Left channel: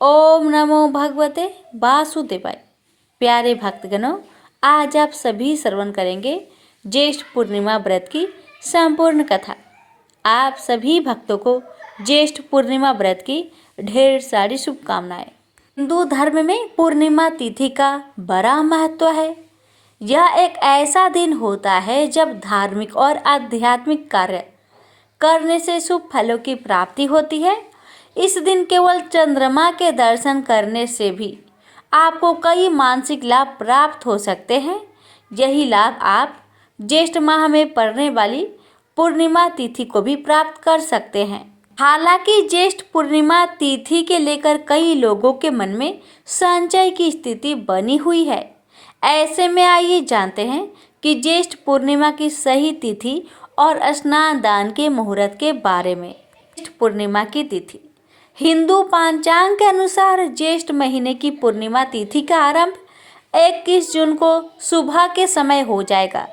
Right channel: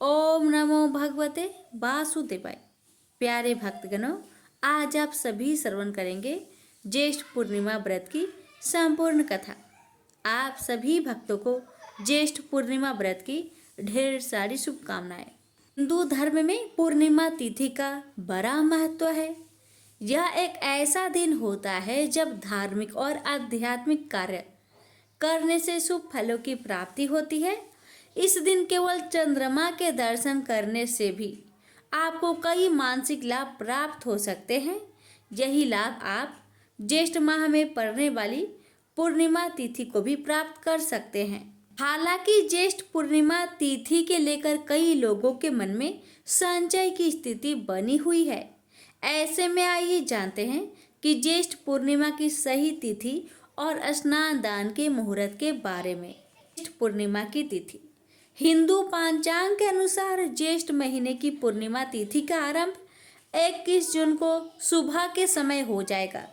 ओम नमो भगवते वासुदेवाय। प्यारे भक्तगणों, आज आप सभी श्रवण करेंगे ज्येष्ठ पूर्णिमा व्रत की संपूर्ण कथा। आप सभी भक्तों को ज्येष्ठ पूर्णिमा व्रत की ढेर सारी शुभकामनाएं। हिंदू धर्म में पूर्णिमा तिथि का बड़ा महत्व है। यह एक ऐसा दिन होता है जब धार्मिक और आध्यात्मिक कार्य करने से शुभ फलों की प्राप्ति होती है। इस दिन केवल चंद्रमा के दर्शन करने से भी आपको कई मानसिक लाभ प्राप्त हो सकते हैं। यही लाभ आप ज्येष्ठ माह में पड़ने वाली पूर्णिमा तिथि को भी प्राप्त कर सकते हैं। हालांकि ज्येष्ठ पूर्णिमा तिथि के लेकर कई लोगों के मन में संशय की स्थिति बनी हुई है। ऐसे में आइए जानते हैं कि ज्येष्ठ पूर्णिमा की सही तिथि और स्नान दान के मुहूर्त के बारे में। ज्येष्ठ पूर्णिमा की तिथि हिंदू पंचांग के अनुसार ज्येष्ठ महीने की पूर्णिमा तिथि का आरंभ 21 जून को सुबह के समय हो जाएगा।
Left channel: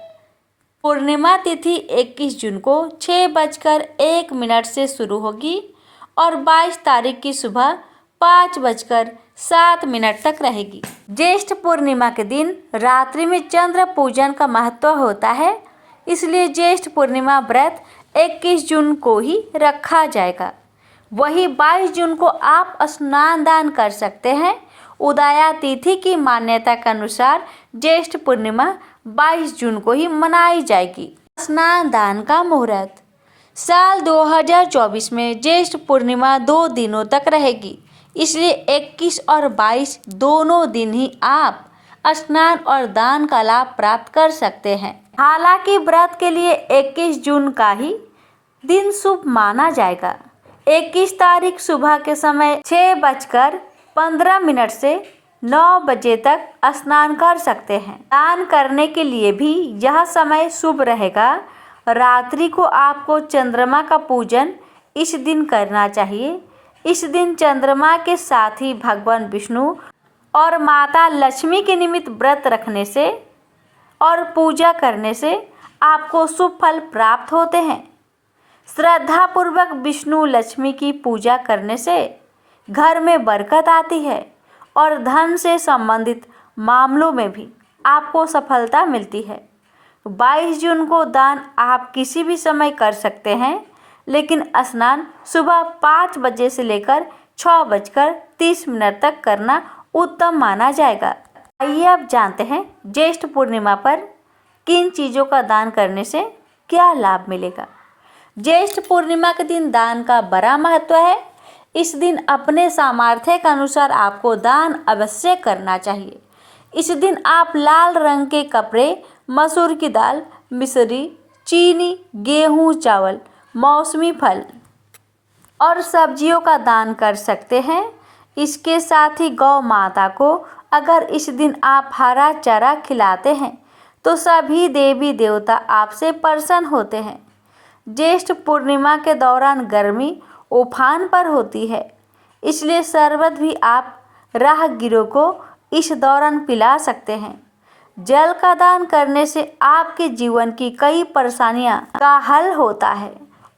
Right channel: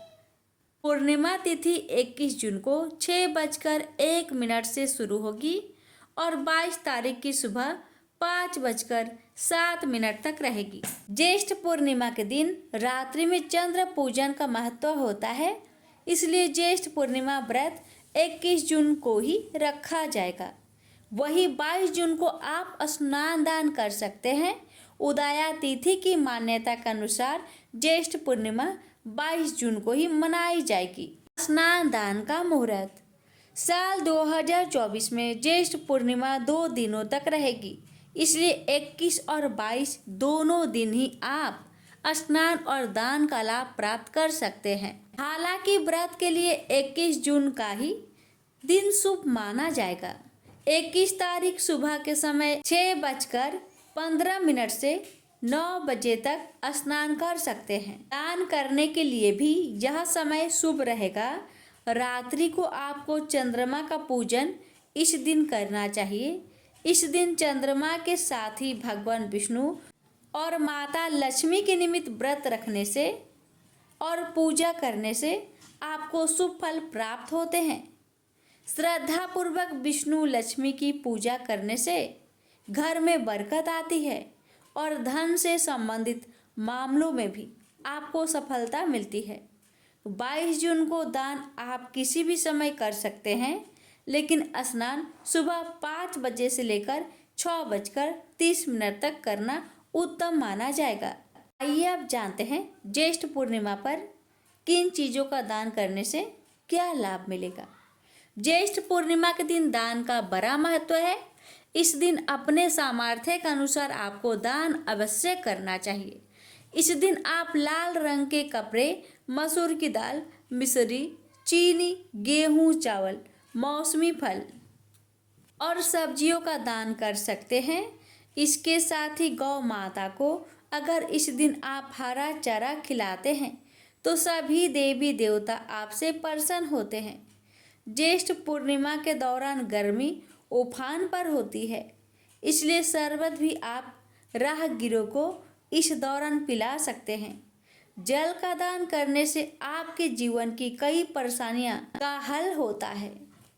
पूर्णिमा तिथि 21 जून को 6:01 से शुरू होगी और 22 तारीख की सुबह 5:07 तक रहेगी। ज्येष्ठ पूर्णिमा के दिन रात्रि में चंद्र पूजन का महत्व होता है, इसलिए ज्येष्ठ पूर्णिमा व्रत 21 जून को ही रखा जाएगा। वही 22 जून को आप स्नान दान कर सकते हैं। उदया तिथि की मान्यता के अनुसार ज्येष्ठ पूर्णिमा 22 जून को ही मनाई जाएगी। स्नान दान का मुहूर्त साल 2024 में ज्येष्ठ पूर्णिमा 2 दिनों तक रहेगी, इसलिए 21 और 22 दोनों दिन ही आप स्नान और दान का लाभ प्राप्त कर सकते हैं। हालांकि व्रत के लिए 21 जून का ही दिन शुभ माना जाएगा। 21 तारीख सुबह के समय 6:15 से 9 बजे तक स्नान कर सकते हैं। दान करने के लिए भी यह समय शुभ रहेगा। रात्रि को आपको चंद्रमा का पूजन इस दिन करना चाहिए। इस दिन चंद्रमा के साथ ही भगवान विष्णु और माता लक्ष्मी के निमित्त व्रत रखने से और पूजा करने से आपको शुभ फल प्राप्त होते हैं। श्रद्धा पूर्वक विष्णु लक्ष्मी की पूजा करने से घर में बरकत आती है और धन से संबंधित मामलों में भी आपको सफलता मिलती है। 22 जून को दान आप किसी भी समय कर सकते हैं, लेकिन स्नान सुबह 5 बजे से लेकर 6:30 तक करना उत्तम माना जाएगा। आइए अब जानते हैं ज्येष्ठ पूर्णिमा पर किन चीज़ों का दान करने से क्या लाभ मिलेगा। ज्येष्ठ पूर्णिमा के दिन दान का बड़ा महत्व है। इस दिन अपने सामर्थ्य के अनुसार आपको दान अवश्य करना चाहिए। इस दिन आप लाल रंग के कपड़े, मसूर की दाल, मिश्री, चीनी, गेहूं, चावल, मौसमी फल और सब्जियों का दान कर सकते हैं। इसके साथ ही गौ माता को अगर इस दिन आप हरा चारा खिलाते हैं तो सभी देवी देवता आपसे प्रसन्न होते हैं। ज्येष्ठ पूर्णिमा के दौरान गर्मी उफान पर होती है, इसलिए शरबत भी आप राहगीरों को इस दौरान पिला सकते हैं। जल का दान करने से आपके जीवन की कई परेशानियां का हल होता है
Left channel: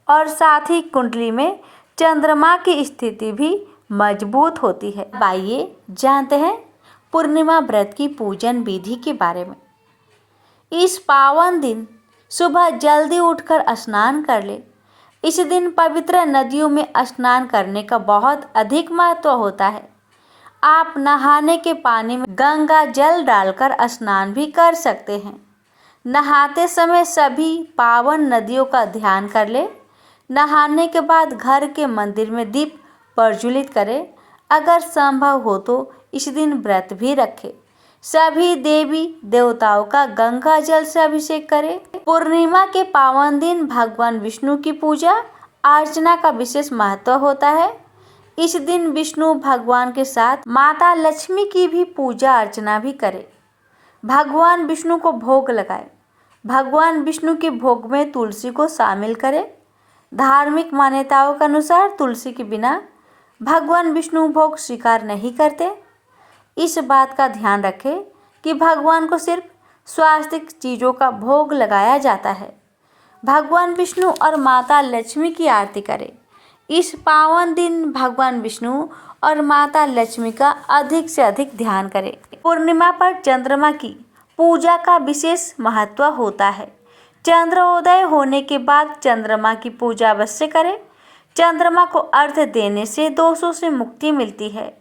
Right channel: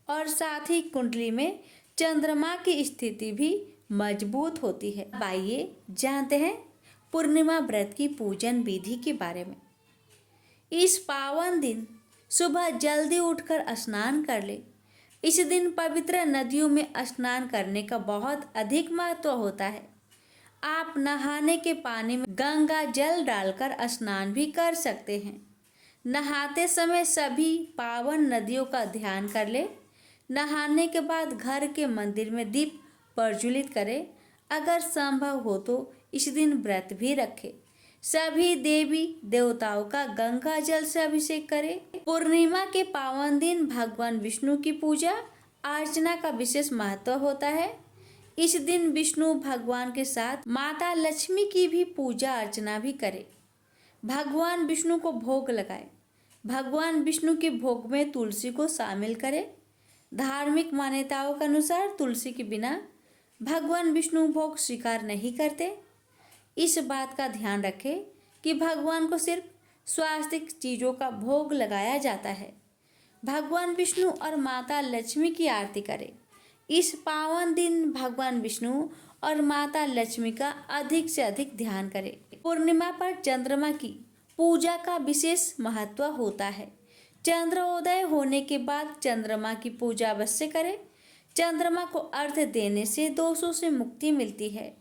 और साथ ही कुंडली में चंद्रमा की स्थिति भी मजबूत होती है। आइए जानते हैं पूर्णिमा व्रत की पूजन विधि के बारे में। इस पावन दिन सुबह जल्दी उठकर स्नान कर ले। इस दिन पवित्र नदियों में स्नान करने का बहुत अधिक महत्व होता है। आप नहाने के पानी में गंगा जल डालकर स्नान भी कर सकते हैं। नहाते समय सभी पावन नदियों का ध्यान कर ले। नहाने के बाद घर के मंदिर में दीप प्रज्वलित करें। अगर संभव हो तो इस दिन व्रत भी रखें। सभी देवी देवताओं का गंगा जल से अभिषेक करें। पूर्णिमा के पावन दिन भगवान विष्णु की पूजा अर्चना का विशेष महत्व होता है। इस दिन विष्णु भगवान के साथ माता लक्ष्मी की भी पूजा अर्चना भी करें। भगवान विष्णु को भोग लगाएं। भगवान विष्णु के भोग में तुलसी को शामिल करें। धार्मिक मान्यताओं के अनुसार तुलसी के बिना भगवान विष्णु भोग स्वीकार नहीं करते। इस बात का ध्यान रखें कि भगवान को सिर्फ स्वास्तिक चीज़ों का भोग लगाया जाता है। भगवान विष्णु और माता लक्ष्मी की आरती करें। इस पावन दिन भगवान विष्णु और माता लक्ष्मी का अधिक से अधिक ध्यान करें। पूर्णिमा पर चंद्रमा की पूजा का विशेष महत्व होता है। चंद्रोदय होने के बाद चंद्रमा की पूजा अवश्य करें। चंद्रमा को अर्घ्य देने से दोषों से मुक्ति मिलती है।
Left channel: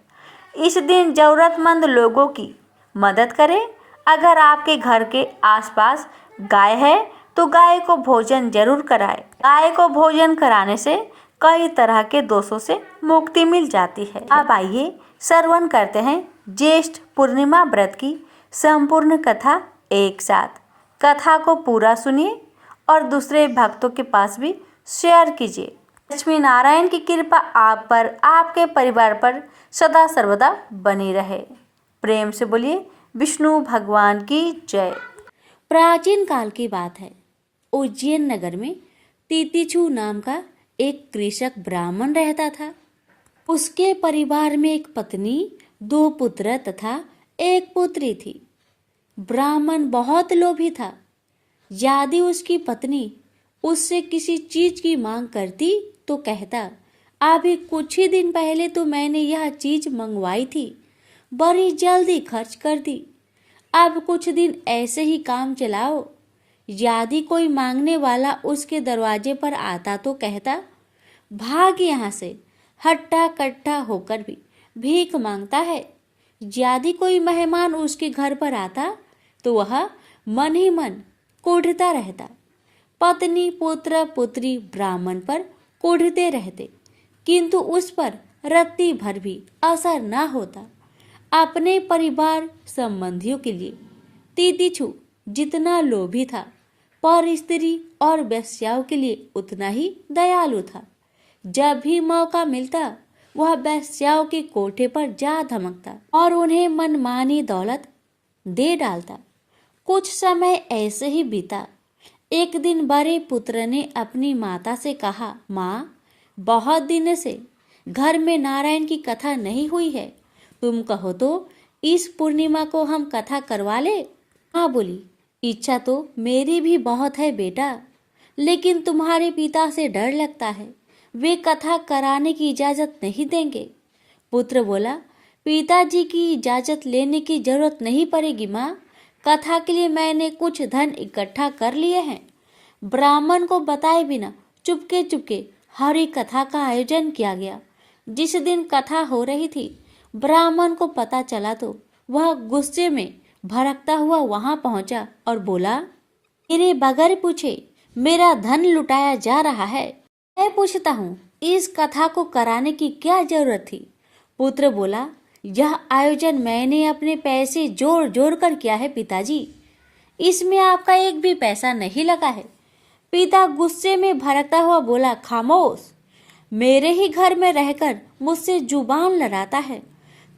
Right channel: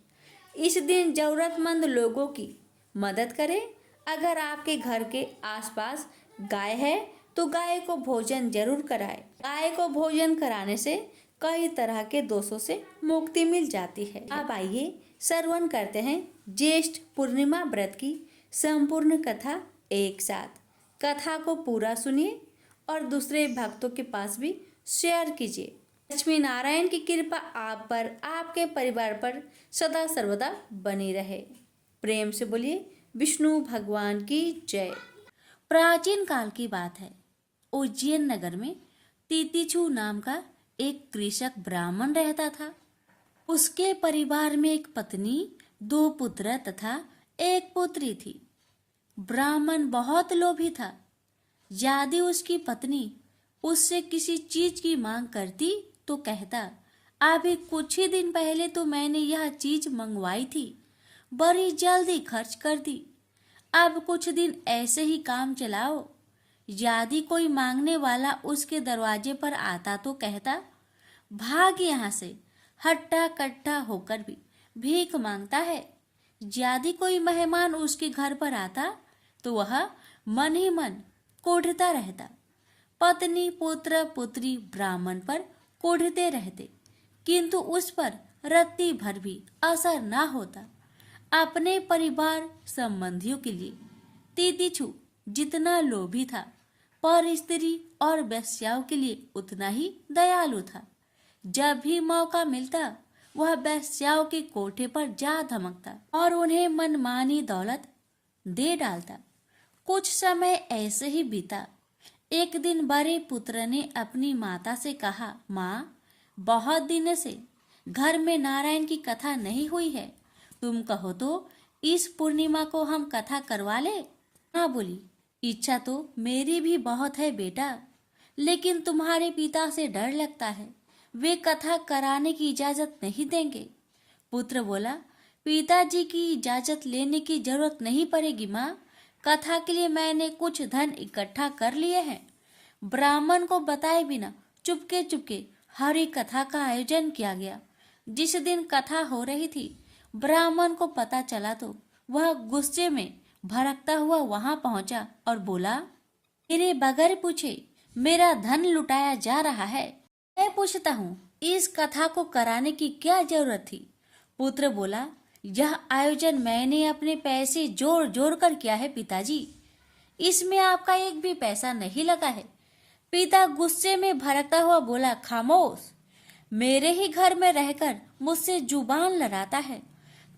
इस दिन जरूरतमंद लोगों की मदद करें। अगर आपके घर के आसपास गाय है तो गाय को भोजन जरूर कराएं। गाय को भोजन कराने से कई तरह के दोषों से मुक्ति मिल जाती है। अब आइए श्रवण करते हैं ज्येष्ठ पूर्णिमा व्रत की संपूर्ण कथा एक साथ। कथा को पूरा सुनिए और दूसरे भक्तों के पास भी शेयर कीजिए। लक्ष्मी नारायण की कृपा आप पर, आपके परिवार पर सदा सर्वदा बनी रहे। प्रेम से बोलिए विष्णु भगवान की जय। प्राचीन काल की बात है। उज्जैन नगर में तितिक्षु नाम का एक कृषक ब्राह्मण रहता था। उसके परिवार में एक पत्नी, 2 पुत्र तथा एक पुत्री थी। ब्राह्मण बहुत लोभी था। यदि उसकी पत्नी उससे किसी चीज की मांग करती तो कहता, अभी कुछ ही दिन पहले तो मैंने यह चीज मंगवाई थी, बड़ी जल्दी खर्च कर दी, अब कुछ दिन ऐसे ही काम चलाओ। यदि कोई मांगने वाला उसके दरवाजे पर आता तो कहता, भाग यहाँ से, हट्टा कट्टा होकर भी भीख मांगता है। यदि कोई मेहमान उसके घर पर आता तो वह मन ही मन कोढ़ता रहता। पत्नी, पुत्र, पुत्री ब्राह्मण पर कोढ़ते रहते, किंतु उस पर रत्ती भर भी असर न होता। अपने परिवार संबंधियों के लिए तितिक्षु जितना लोभी था, पर स्त्री और वेश्याओं के लिए उतना ही दयालु था। जब भी मौका मिलता वह वेश्याओं के कोठे पर जा धमकता और उन्हें मनमानी दौलत दे डालता। कुछ समय ऐसे ही बीता। एक दिन बड़े पुत्र ने अपनी माता से कहा, माँ, बहुत दिन से घर में नारायण की कथा नहीं हुई है, तुम कहो तो इस पूर्णिमा को हम कथा करवा ले। माँ बोली, इच्छा तो मेरी भी बहुत है बेटा, लेकिन तुम्हारे पिता से डर लगता है, वे कथा कराने की इजाजत नहीं देंगे। पुत्र बोला, पिताजी की इजाजत लेने की जरूरत नहीं पड़ेगी माँ, कथा के लिए मैंने कुछ धन इकट्ठा कर लिए हैं। ब्राह्मण को बताए बिना चुपके चुपके हरि कथा का आयोजन किया गया। जिस दिन कथा हो रही थी, ब्राह्मण को पता चला तो वह गुस्से में भड़कता हुआ वहां पहुंचा और बोला, मेरे बगैर पूछे मेरा धन लुटाया जा रहा है। मैं पूछता हूँ, इस कथा को कराने की क्या जरूरत थी? पुत्र बोला, यह आयोजन मैंने अपने पैसे जोड़ जोड़ कर किया है पिताजी, इसमें आपका एक भी पैसा नहीं लगा है। पिता गुस्से में भड़कता हुआ बोला, खामोश, मेरे ही घर में रहकर मुझसे जुबान लड़ाता है,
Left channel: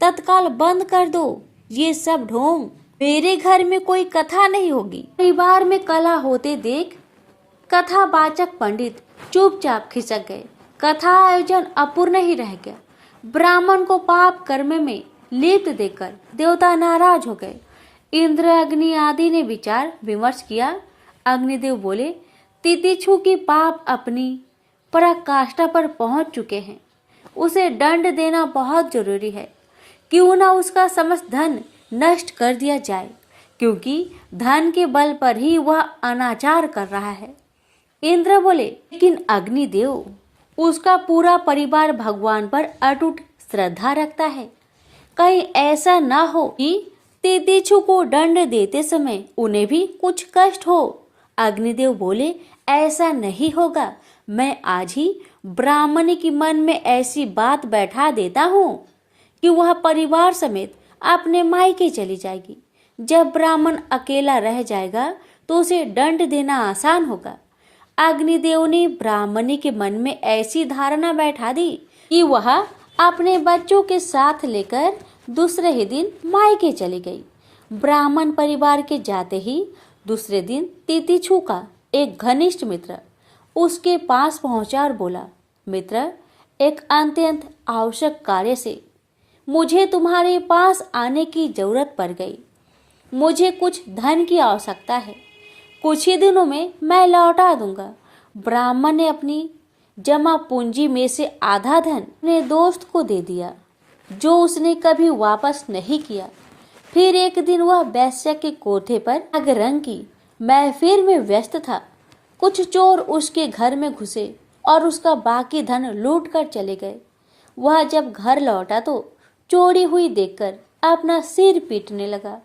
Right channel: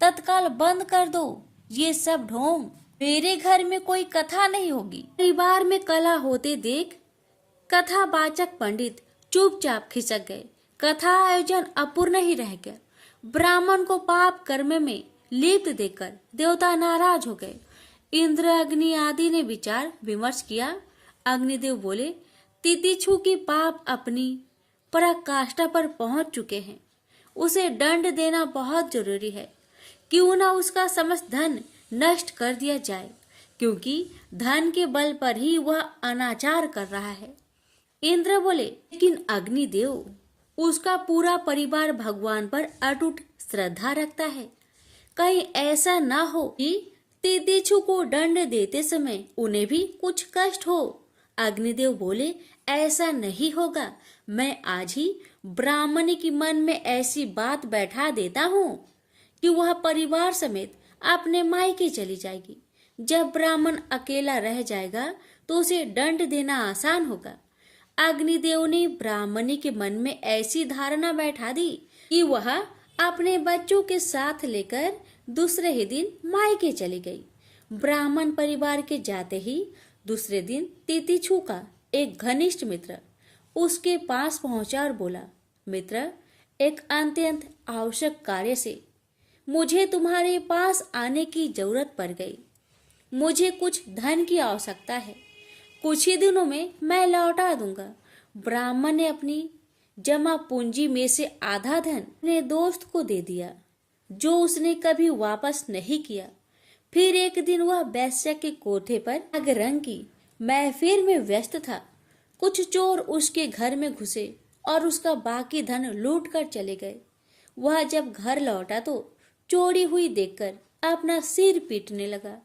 तत्काल बंद कर दो ये सब ढोंग, मेरे घर में कोई कथा नहीं होगी। परिवार में कलह होते देख कथावाचक पंडित चुपचाप खिसक गए। कथा आयोजन अपूर्ण ही रह गया। ब्राह्मण को पाप कर्म में लिप्त देकर देवता नाराज हो गए। इंद्र, अग्नि आदि ने विचार विमर्श किया। अग्निदेव बोले, तितिक्षु के पाप अपनी पराकाष्ठा पर पहुंच चुके हैं, उसे दंड देना बहुत जरूरी है। क्यों न उसका समस्त धन नष्ट कर दिया जाए, क्योंकि धन के बल पर ही वह अनाचार कर रहा है। इंद्र बोले, लेकिन अग्निदेव, उसका पूरा परिवार भगवान पर अटूट श्रद्धा रखता है, कहीं ऐसा ना हो कि तितिक्षु को दंड देते समय उन्हें भी कुछ कष्ट हो। अग्निदेव बोले, ऐसा नहीं होगा, मैं आज ही ब्राह्मणी के मन में ऐसी बात बैठा देता हूँ कि वह परिवार समेत अपने मायके चली जाएगी। जब ब्राह्मण अकेला रह जाएगा तो उसे दंड देना आसान होगा। अग्निदेव ने ब्राह्मणी के मन में ऐसी धारणा बैठा दी कि वह अपने बच्चों के साथ लेकर दूसरे ही दिन मायके चली गई। ब्राह्मण परिवार के जाते ही दूसरे दिन तितिक्षु का एक घनिष्ठ मित्र उसके पास पहुंचा और बोला, मित्र, एक अत्यंत आवश्यक कार्य से मुझे तुम्हारे पास आने की जरूरत पड़ गई। मुझे कुछ धन की आवश्यकता है, कुछ ही दिनों में मैं लौटा दूंगा। ब्राह्मण ने अपनी जमा पूंजी में से आधा धन अपने दोस्त को दे दिया। जो उसने कभी वापस नहीं किया। फिर एक दिन वह वेश्या के कोठे पर आग रंग की महफिल में व्यस्त था। कुछ चोर उसके घर में घुसे और उसका बाकी धन लूट कर चले गए। वह जब घर लौटा तो चोरी हुई देखकर अपना सिर पीटने लगा।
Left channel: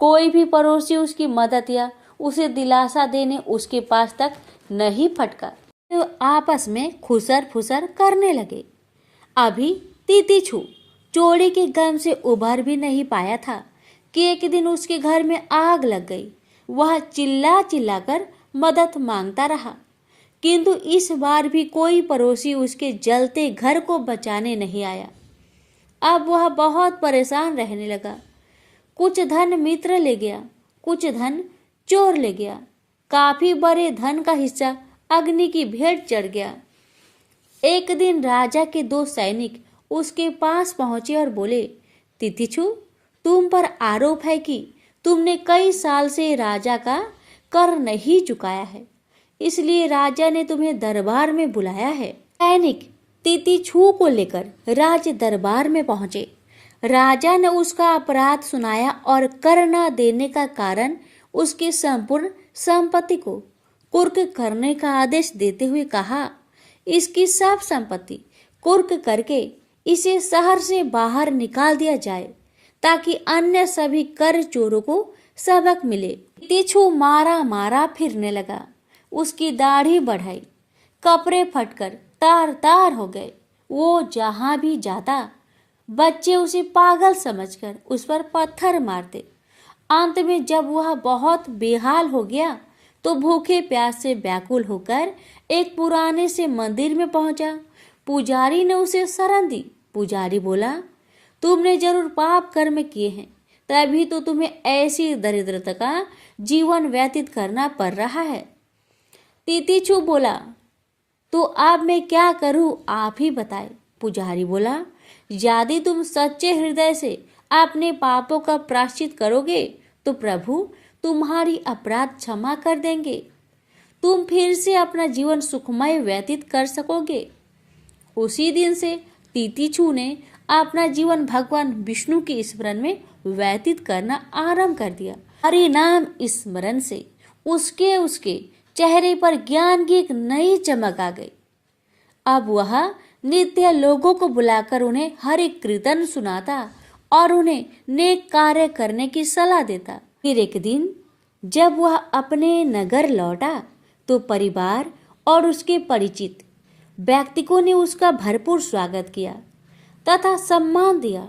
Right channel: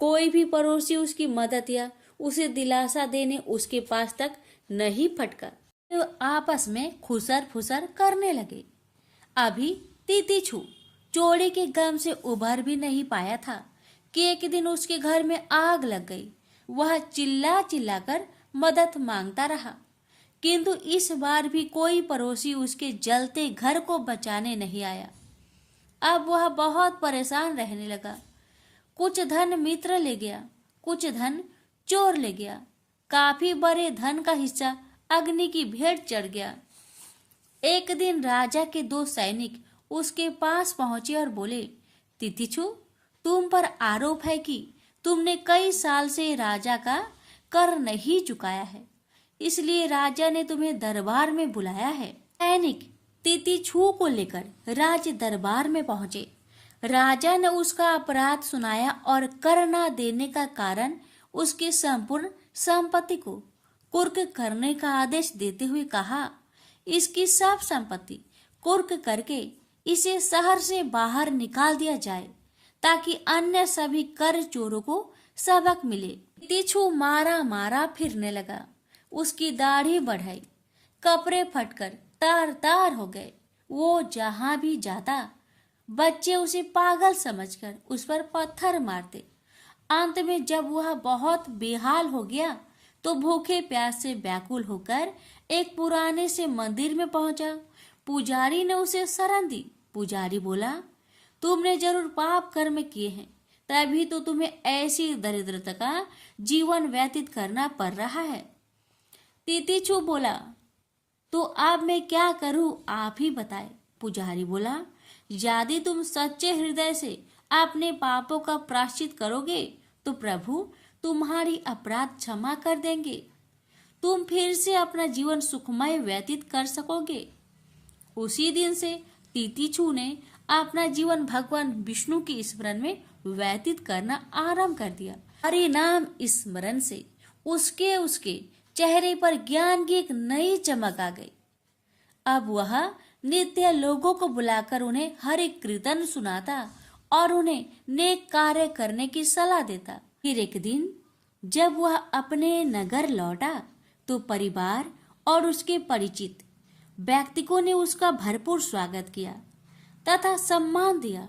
कोई भी पड़ोसी उसकी मदद या उसे दिलासा देने उसके पास तक नहीं फटका। तो आपस में खुसर फुसर करने लगे। अभी तीतीछू चोरी के गम से उभर भी नहीं पाया था कि एक दिन उसके घर में आग लग गई। वह चिल्ला चिल्ला कर मदद मांगता रहा, किंतु इस बार भी कोई पड़ोसी उसके जलते घर को बचाने नहीं आया। अब वह बहुत परेशान रहने लगा। कुछ धन मित्र ले गया, कुछ धन चोर ले गया। काफी बड़े धन का हिस्सा अग्नि की भेंट चढ़ गया। एक दिन राजा के 2 सैनिक उसके पास पहुंचे और बोले, तितिछु, तुम पर आरोप है कि तुमने कई साल से राजा का कर नहीं चुकाया है, इसलिए राजा ने तुम्हें दरबार में बुलाया है। सैनिक तितिछु को लेकर राज दरबार में पहुंचे। राजा ने उसका अपराध सुनाया और कर न देने का कारण उसकी संपूर्ण संपत्ति को कुर्क करने का आदेश देते हुए कहा, इसकी सब संपत्ति कुर्क करके इसे शहर से बाहर निकाल दिया जाए ताकि अन्य सभी कर चोरों को सबक मिले। तितिछु मारा मारा फिरने लगा। उसकी दाढ़ी बढ़ाई, कपड़े फटकर तार तार हो गए। वो जहां भी जाता बच्चे उसे पागल समझकर उस पर पत्थर मारते। अंत में जब वह बहुत बेहाल हो गया तो भूखे प्यास से व्याकुल होकर एक पुराने से मंदिर में पहुंचा। पुजारी ने उसे शरण दी। पुजारी बोला, तुमने जरूर पाप कर्म किए हैं, तभी तो तुम्हें ऐसी दरिद्रता का जीवन व्यतीत करना पड़ रहा है। तितिछु बोला, तो अब मैं क्या करूं, आप ही बताए। पुजारी बोला, यदि तुम सच्चे हृदय से अपने पापों का प्रायश्चित करोगे तो प्रभु तुम्हारी अपराध क्षमा कर देंगे। तुम फिर से अपना जीवन सुखमय व्यतीत कर सकोगे। उसी दिन से तितिछु ने अपना जीवन भगवान विष्णु के स्मरण में व्यतीत करना आरंभ कर दिया। हरि नाम स्मरण से उसके चेहरे पर ज्ञान की एक नई चमक आ गई। अब वह नित्य लोगों को बुलाकर उन्हें हरि कीर्तन सुनाता और उन्हें नेक कार्य करने की सलाह देता। फिर एक दिन जब वह अपने नगर लौटा तो परिवार और उसके परिचित व्यक्तियों ने उसका भरपूर स्वागत किया तथा सम्मान दिया।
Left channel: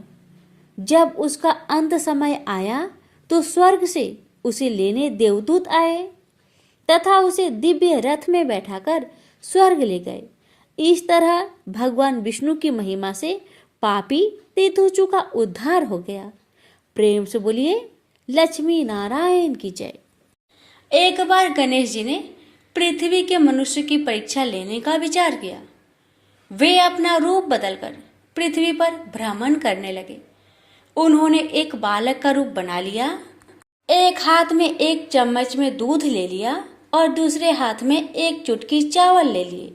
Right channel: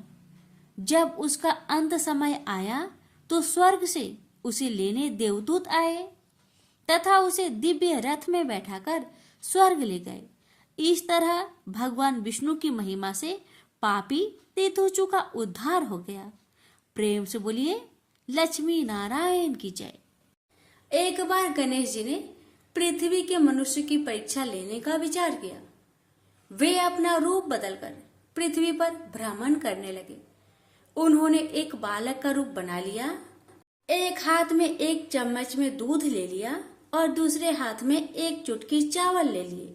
जब उसका अंत समय आया तो स्वर्ग से उसे लेने देवदूत आए तथा उसे दिव्य रथ में बैठाकर स्वर्ग ले गए। इस तरह भगवान विष्णु की महिमा से पापी तितिछु का उद्धार हो गया। प्रेम से बोलिए लक्ष्मी नारायण की जय। एक बार गणेश जी ने पृथ्वी के मनुष्य की परीक्षा लेने का विचार किया। वे अपना रूप बदलकर पृथ्वी पर भ्रमण करने लगे। उन्होंने एक बालक का रूप बना लिया। एक हाथ में एक चम्मच में दूध ले लिया और दूसरे हाथ में एक चुटकी चावल ले लिए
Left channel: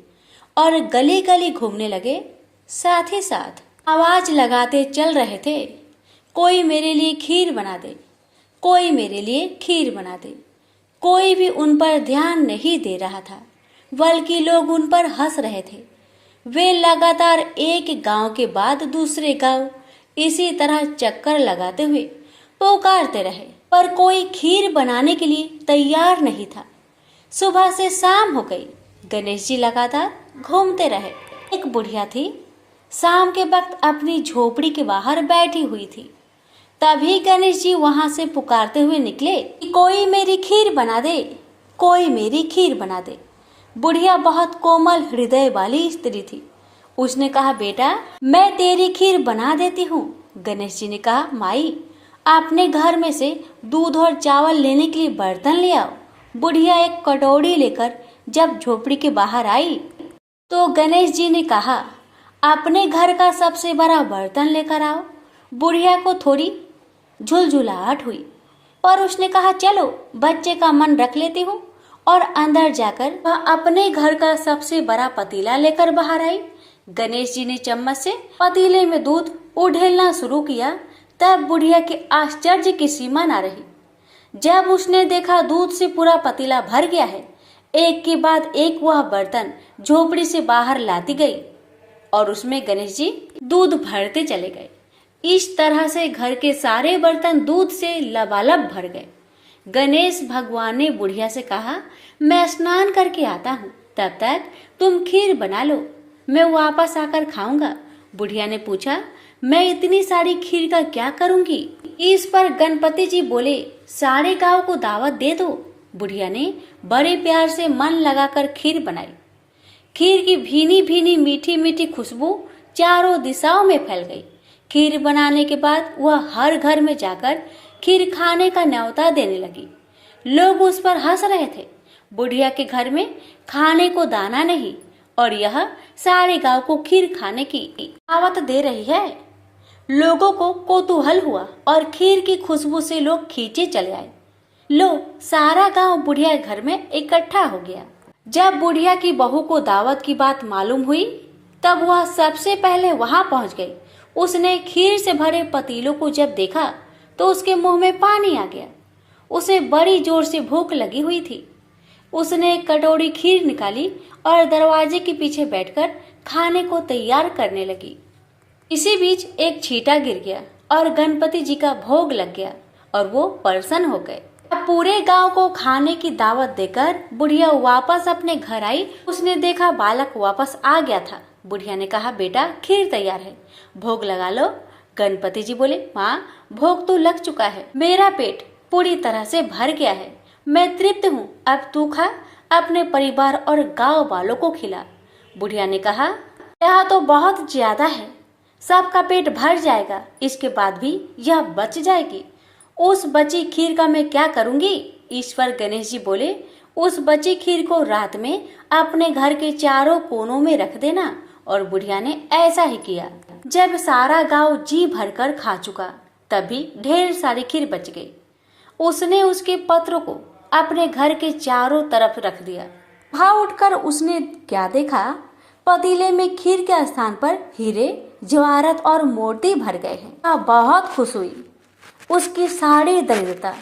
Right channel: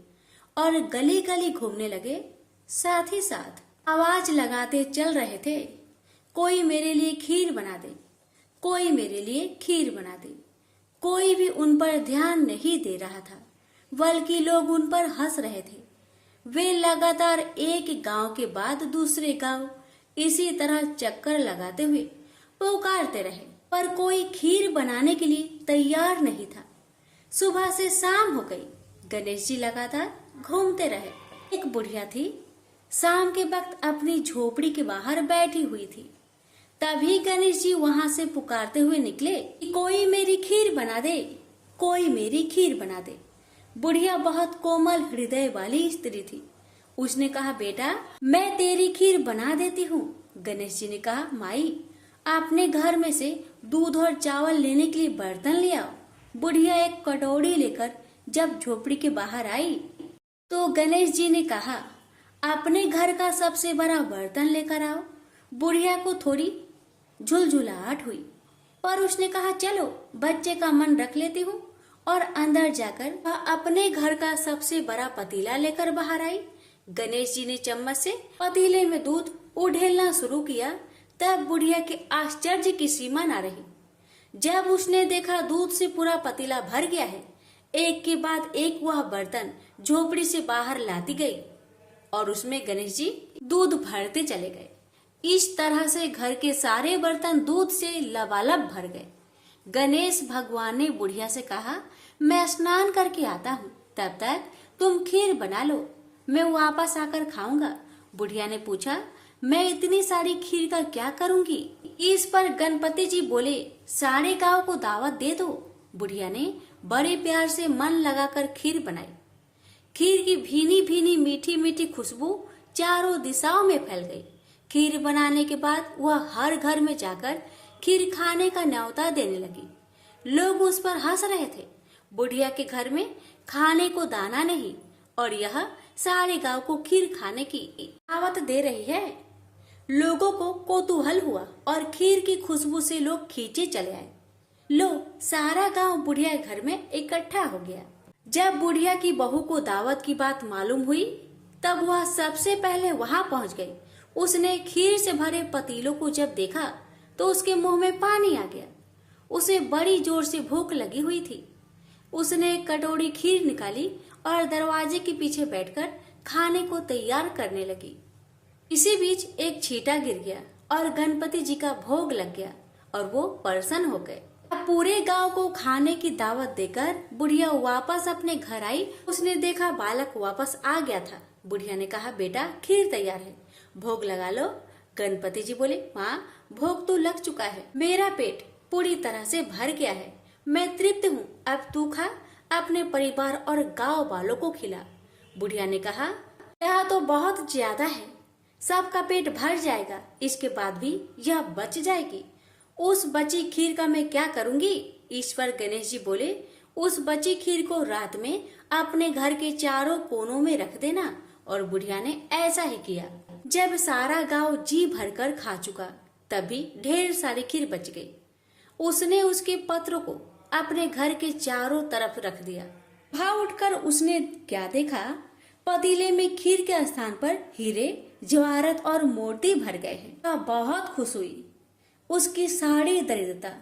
और गली गली घूमने लगे। साथ ही साथ आवाज लगाते चल रहे थे, कोई मेरे लिए खीर बना दे, कोई मेरे लिए खीर बना दे। कोई भी उन पर ध्यान नहीं दे रहा था, बल्कि लोग उन पर हंस रहे थे। वे लगातार एक गांव के बाद दूसरे गांव इसी तरह चक्कर लगाते हुए पुकारते रहे, पर कोई खीर बनाने के लिए तैयार नहीं था। सुबह से शाम हो गई, गणेश जी लगातार घूमते रहे। एक बुढ़िया थी, शाम के वक्त अपनी झोपड़ी के बाहर बैठी हुई थी। तभी गणेश जी वहां से पुकारते हुए निकले कि कोई मेरी खीर बना दे, कोई मेरी खीर बना दे। बुढ़िया बहुत कोमल हृदय वाली स्त्री थी। उसने कहा, बेटा मैं तेरी खीर बना देती हूँ। गणेश जी ने कहा, माई अपने घर में से दूध और चावल लेने के लिए बर्तन ले आओ। बुढ़िया एक कटोरी लेकर जब झोपड़ी के बाहर आई तो गणेश जी ने कहा, अपने घर का सबसे बड़ा बर्तन लेकर आओ। बुढ़िया को थोड़ी झुलझुलाहट हुई, पर उसने कहा, चलो बच्चे का मन रख लेती हूँ, और अंदर जाकर वह अपने घर का सबसे बड़ा पतीला लेकर बाहर आई। गणेश जी ने चम्मच से पतीले में दूध उड़ेलना शुरू किया। तब बुढ़िया के आश्चर्य की सीमा न रही। जब उसने देखा दूध से पूरा पतीला भर गया है, एक के बाद एक वह बर्तन झोपड़ी से बाहर लाती गई और उसमें गणेश जी दूध भरते चले गए। इस तरह से घर के सारे बर्तन दूध से लबालब भर गए। गणेश भगवान ने बुढ़िया से कहा, मैं स्नान करके आता हूँ, तब तक तुम खीर बना लो, मैं वापस आकर खाऊंगा। बुढ़िया ने पूछा, मैं इतनी सारी खीर का क्या करूंगी? इस पर गणपति जी बोले, सारे गांव को दावत दे दो। बुढ़िया ने बड़े प्यार से मन लगाकर खीर बनाई। खीर की भीनी भीनी मीठी मीठी खुशबू चारों दिशाओं में फैल गई। खीर बनाने के बाद वह हर घर में जाकर खीर खाने का न्योता देने लगी। लोग उस पर हंस रहे थे। बुढ़िया के घर में खाने को दाना नहीं और यह सारे गांव को खीर खाने की दावत दे रही है। लोगों को कौतूहल हुआ और खीर की खुशबू से लोग खींचे चले आए। लो, सारा गांव बुढ़िया घर में इकट्ठा हो गया। जब बुढ़िया की बहू को दावत की बात मालूम हुई, तब वह सबसे पहले वहां पहुंच गई। उसने खीर से भरे पतीलों को जब देखा तो उसके मुंह में पानी आ गया। उसे बड़ी जोर से भूख लगी हुई थी। उसने एक कटोरी खीर निकाली और दरवाजे के पीछे बैठकर खाने को तैयार करने लगी। इसी बीच एक छींटा गिर गया और गणपति जी का भोग लग गया और वो प्रसन्न हो गए। पूरे गांव को खाने की दावत देकर बुढ़िया वापस अपने घर आई। उसने देखा बालक वापस आ गया था। बुढ़िया ने कहा, बेटा खीर तैयार है, भोग लगा लो। गणपति जी बोले, माँ भोग तो लग चुका है, मेरा पेट पूरी तरह से भर गया है, मैं तृप्त हूँ, अब तू खा, अपने परिवार और गांव वालों को खिला। बुढ़िया ने कहा, यह तो बहुत ज्यादा है, सबका पेट भर जाएगा, इसके बाद भी यह बच जाएगी। उस बची खीर का मैं क्या करूंगी? ईश्वर गणेश जी बोले, उस बची खीर को रात में अपने घर के चारों कोनों में रख देना। और बुढ़िया ने ऐसा ही किया। जब सारा गांव जी भरकर खा चुका, तभी ढेर सारी खीर बच गई। उसने उसके पत्र को अपने घर के चारों तरफ रख दिया। वहां उठकर उसने क्या देखा? पतीले में खीर के स्थान पर हीरे, जवाहरात और मोती भर गए हैं। बहुत खुश हुई। उसकी सारी दरिद्रता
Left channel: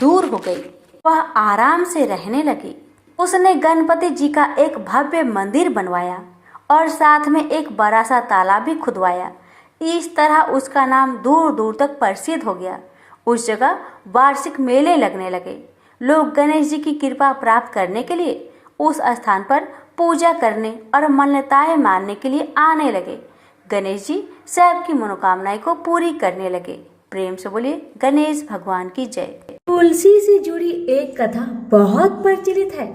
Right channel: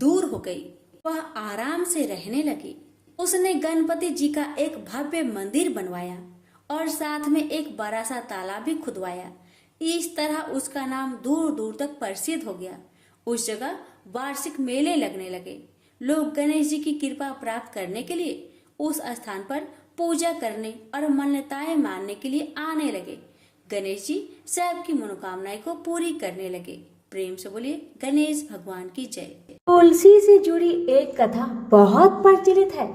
दूर हो गई। वह आराम से रहने लगी। उसने गणपति जी का एक भव्य मंदिर बनवाया और साथ में एक बड़ा सा तालाब भी खुदवाया। इस तरह उसका नाम दूर दूर तक प्रसिद्ध हो गया। उस जगह वार्षिक मेले लगने लगे। लोग गणेश जी की कृपा प्राप्त करने के लिए उस स्थान पर पूजा करने और मान्यताएं मानने के लिए आने लगे। गणेश जी सबकी मनोकामनाएं को पूरी करने लगे। प्रेम से बोलिए गणेश भगवान की जय। तुलसी से जुड़ी एक कथा बहुत प्रचलित है।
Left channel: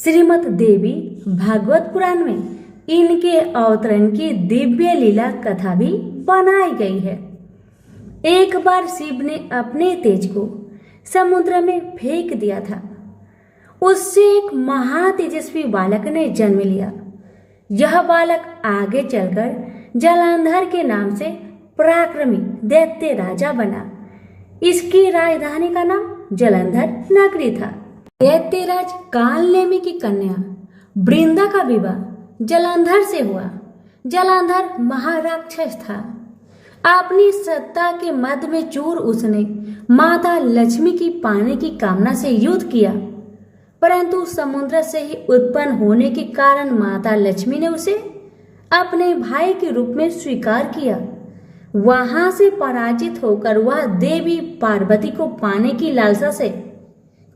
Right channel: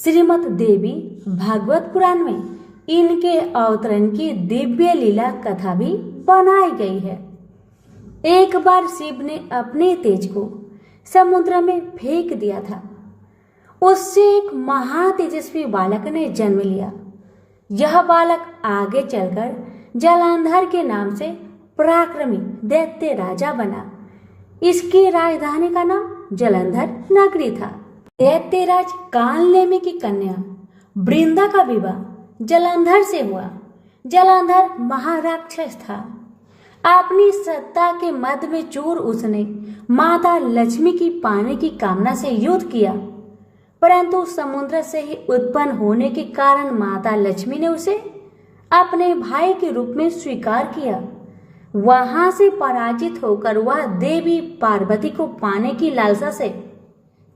श्रीमद् देवी भागवत पुराण में इनके अवतरण की दिव्य लीला कथा भी बनाई गई है। एक बार शिव ने अपने तेज को समुद्र में फेंक दिया था। उससे एक महातेजस्वी बालक ने जन्म लिया। यह बालक आगे चलकर जलंधर के नाम से पराक्रमी दैत्य राजा बना। इसकी राजधानी का नाम जलंधर नगरी था। दैत्यराज कालनेमि की कन्या वृंदा का विवाह जलंधर से हुआ। जलंधर महाराक्षस था। अपनी सत्ता के मद में चूर उसने माता लक्ष्मी की पाने की कामना से युद्ध किया, परंतु समुद्र से ही उत्पन्न होने के कारण माता लक्ष्मी ने उसे अपने भाई के रूप में स्वीकार किया। वहां से पराजित होकर वह देवी पार्वती को पाने की लालसा से